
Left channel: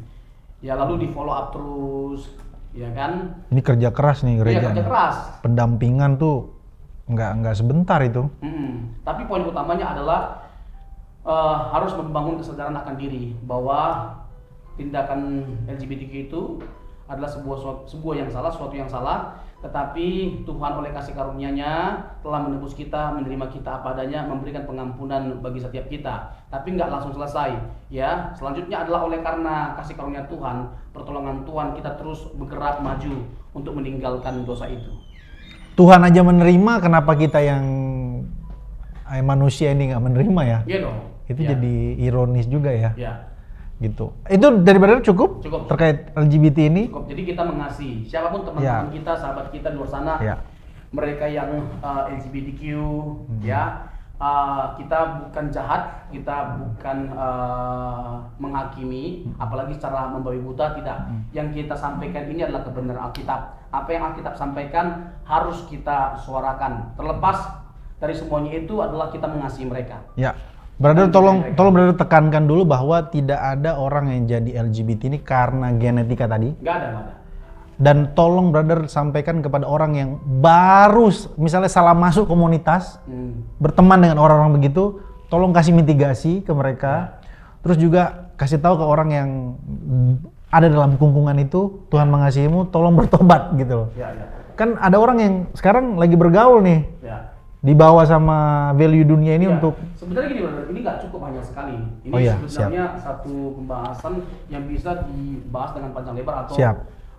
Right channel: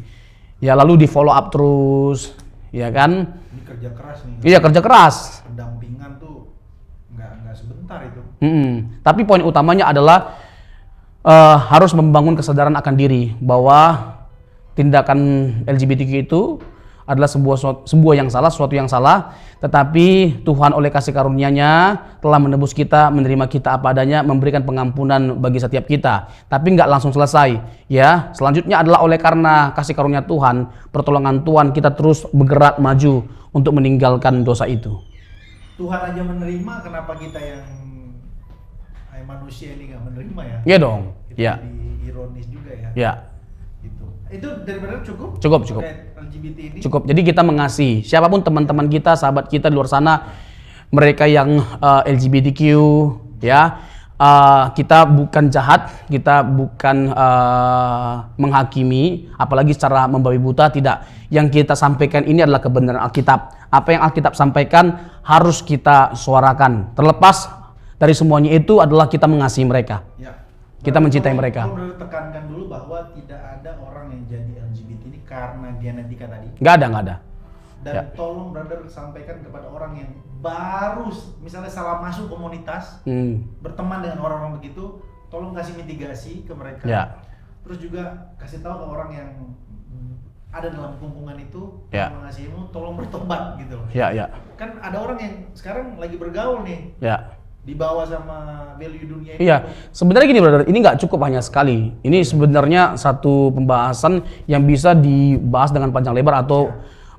Ya, lalu di follow up terus. Ya kan? Ini kerja keras nih. Iya, kerja keras. Pendampingan tuh nggak sebentar itu. Tapi poin utamanya adalah harus membangun kesadaran akan diri bahwa tindakan LGBTQ itu adalah sebuah yang salah, sesuatu yang salah. Tetapi Tuhan oleh kasih karunia-Nya telah menebus kita, menerima kita apa adanya, memberikan pengampunan bagi setiap kita. Tapi nggak langsung selesai. Ya, selanjutnya adalah oleh karena kasih karunia Tuhan, pertolongan Tuhan, kita terus bergerak maju untuk meninggalkan dosa itu. Tuhan aja menerima, kenapa kita yang manusia ini nggak menerima ya? Iya dong. Itu jadi ironis juga ya. Iya. Gitu. Itu dari Brother cukup terkait LGBT ini? Cukup. Jadi kita mengasihi siapapun teman-teman kita, sahabat kita di luar sana, mereka yang LGBTQ, ya, kita bukan jahat, kita bukan menghakimi, apalagi secara membabi buta, tidak. Yang kita sampaikan ini adalah kebenaran Alkitab. Apa yang Alkitab sampaikan harus kita suarakan. Terlepas dari semuanya itu adalah kita mengasihi mereka. Ya. Kita mencintai mereka. Tolong Brother tekankan dulu bahwa tidak ada orang yang jadi LGBT ini karena genetika tadi. Nggak ada. Dan tolong Brother sampaikan kepada orang yang baru misalnya salah masuk komunitas, berteman dengan orang-orang begitu, tolong kasih mitigasi ke mereka. Terus juga kasih tahu ke orang yang ada dalam kungkungan itu, Tuhan mengasihimu, tolong bertobat gitu loh. Kan ada orang yang sekarang lagi bergaul nih. Dibawa sama value dunia ini untuk... Sebenarnya gini Brother, ini nggak cukup hanya sekali. Ini sebenarnya satu pembahasan yang bisa dibahas dengan panjang lebar atau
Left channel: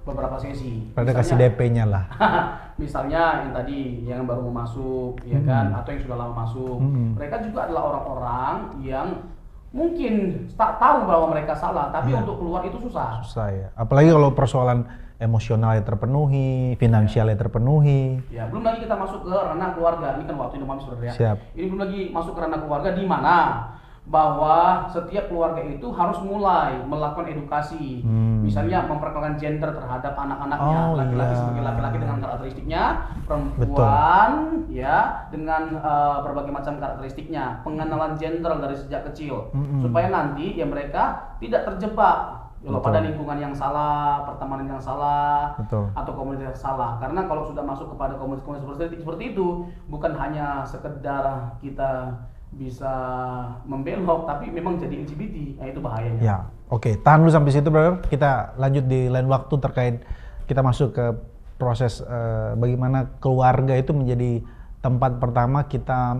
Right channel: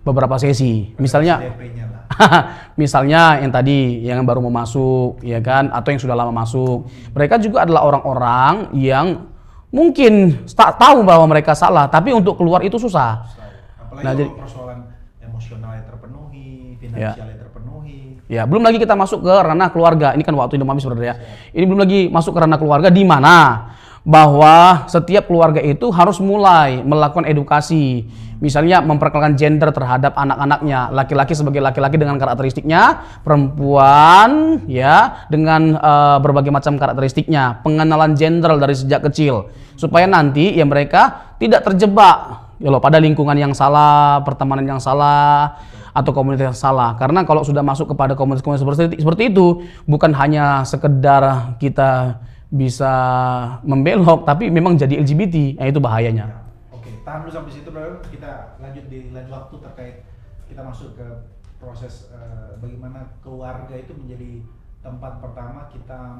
beberapa sesi. Misalnya DP-nya lah. Misalnya yang tadi yang baru mau masuk, ya kan, atau yang sudah lama masuk. Mereka juga adalah orang-orang yang mungkin tahu bahwa mereka salah, tapi untuk keluar itu susah. Susah ya. Apalagi kalau persoalan emosionalnya terpenuhi, finansialnya terpenuhi. Ya, belum lagi kita masuk ke ranah keluarga. Ini kan waktu Indomami sebenarnya. Siap. Ini belum lagi masuk ke ranah keluarga di mana bahwa setiap keluarga itu harus mulai melakukan edukasi. Misalnya memperkenalkan gender terhadap anak-anaknya, laki-laki sebagai laki-laki dengan karakteristiknya, perempuan ya dengan berbagai macam karakteristiknya, pengenalan gender dari sejak kecil supaya nanti ya mereka tidak terjebak ya loh pada lingkungan yang salah, pertemanan yang salah, atau komunitas yang salah. Karena kalau sudah masuk kepada komunitas seperti itu, bukan hanya sekedar kita bisa membelok, tapi memang jadi LGBT, itu bahayanya. Ya, oke. Tahan dulu sampai situ, brother. Kita lanjut di lain waktu terkait kita masuk ke proses bagaimana keluarga itu menjadi tempat pertama kita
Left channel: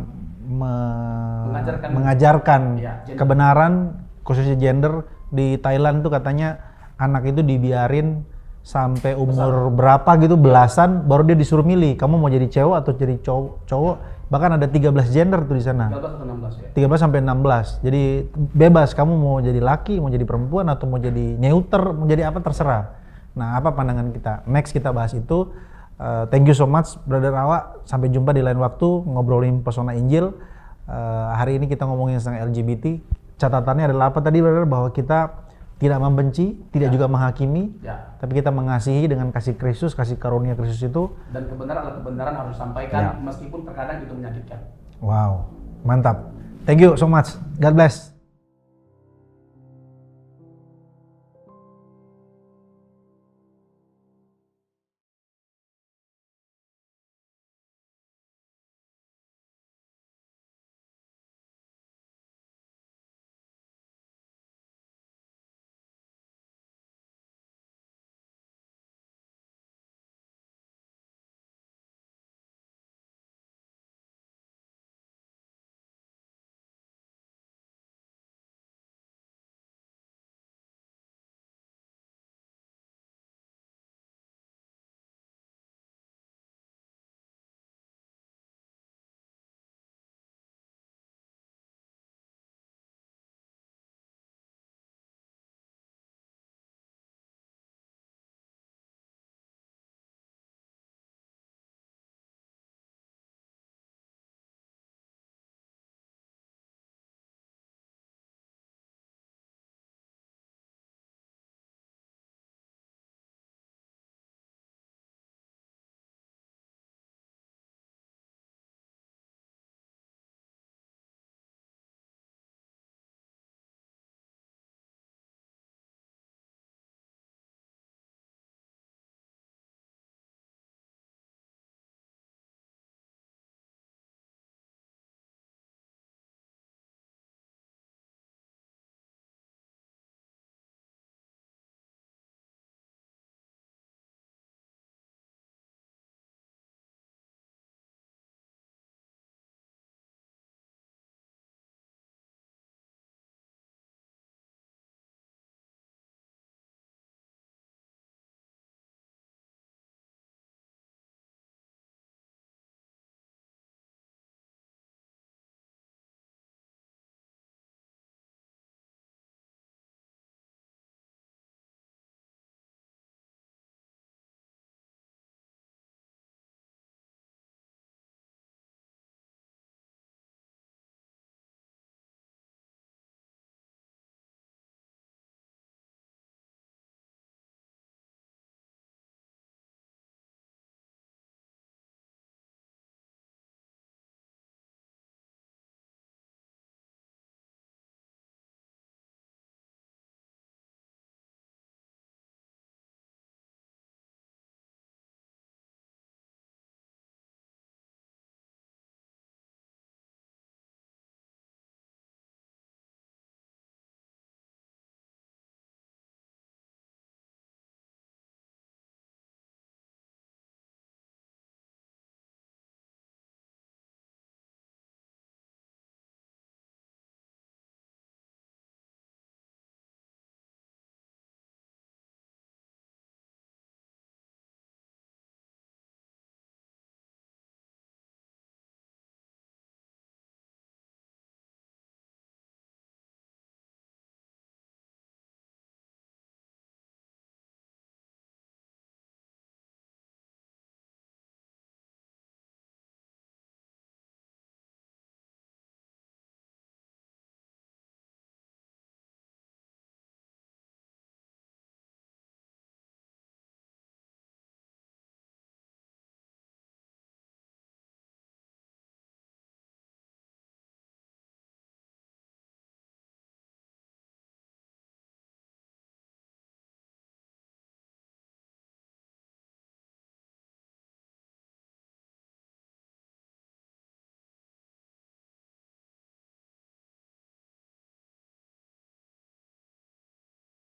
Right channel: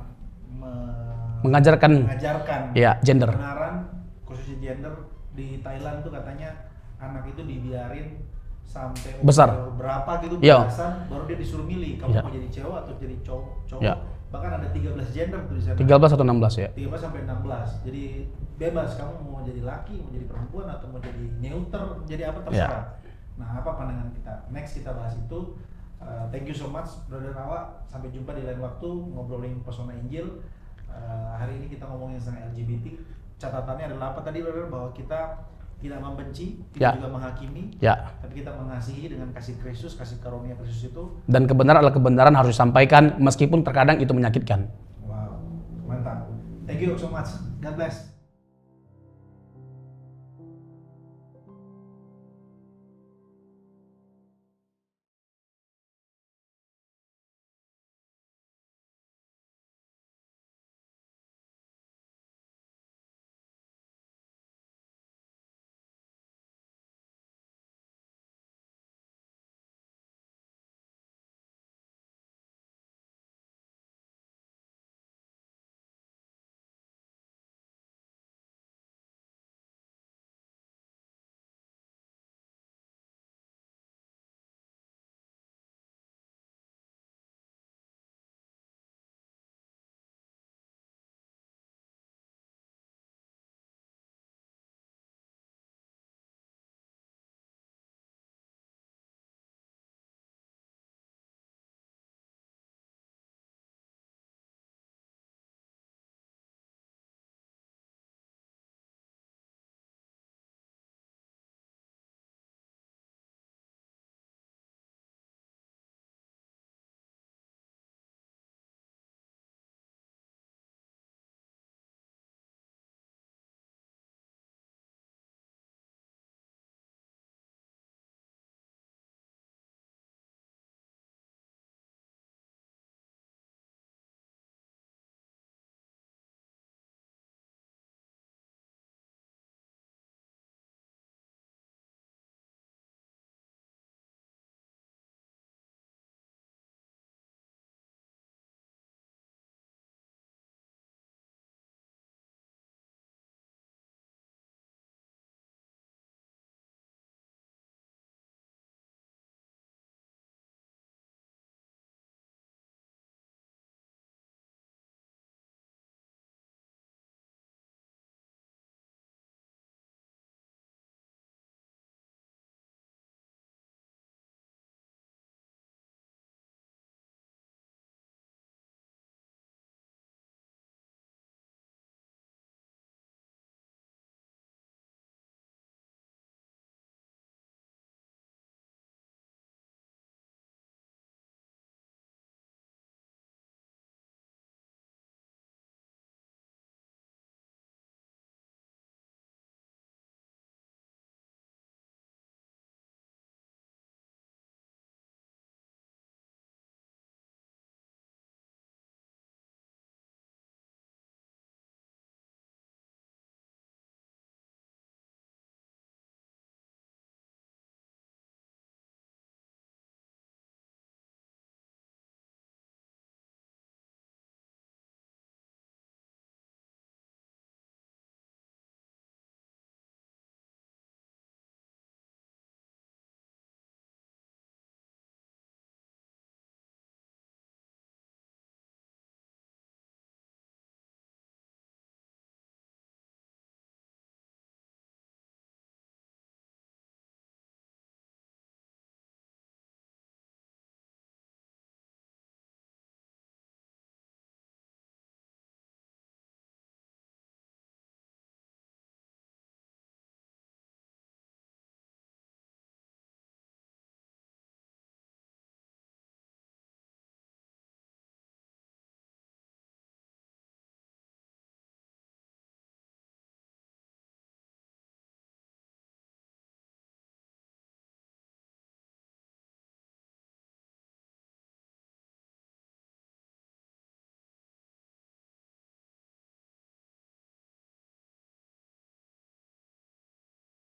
mengajarkan ya, gender. Kebenaran, khususnya gender. Di Thailand tuh katanya anak itu dibiarin sampai umur berapa gitu, belasan, baru dia disuruh milih. Kamu mau jadi cewek atau jadi cowok. Bahkan ada 13 gender tuh di sana. 13 atau 16 ya? 13 sampai 16. Jadi bebas kamu mau jadi laki, mau jadi perempuan, atau mau jadi neuter, mau jadi apa terserah. Nah, apa pandangan kita? Next kita bahas itu. Thank you so much, Brother Awa. Sampai jumpa di lain waktu ngobrolin pesona Injil. Hari ini kita ngomongin tentang LGBT. Catatannya adalah apa tadi, Brother? Bahwa kita tidak membenci, tidak juga menghakimi, tapi kita mengasihi dengan kasih Kristus, kasih karunia Kristus itu. Dan kebenaran adalah kebenaran harus disampaikan meskipun terkadang itu menyakitkan. Wow, mantap. Thank you so much. God bless.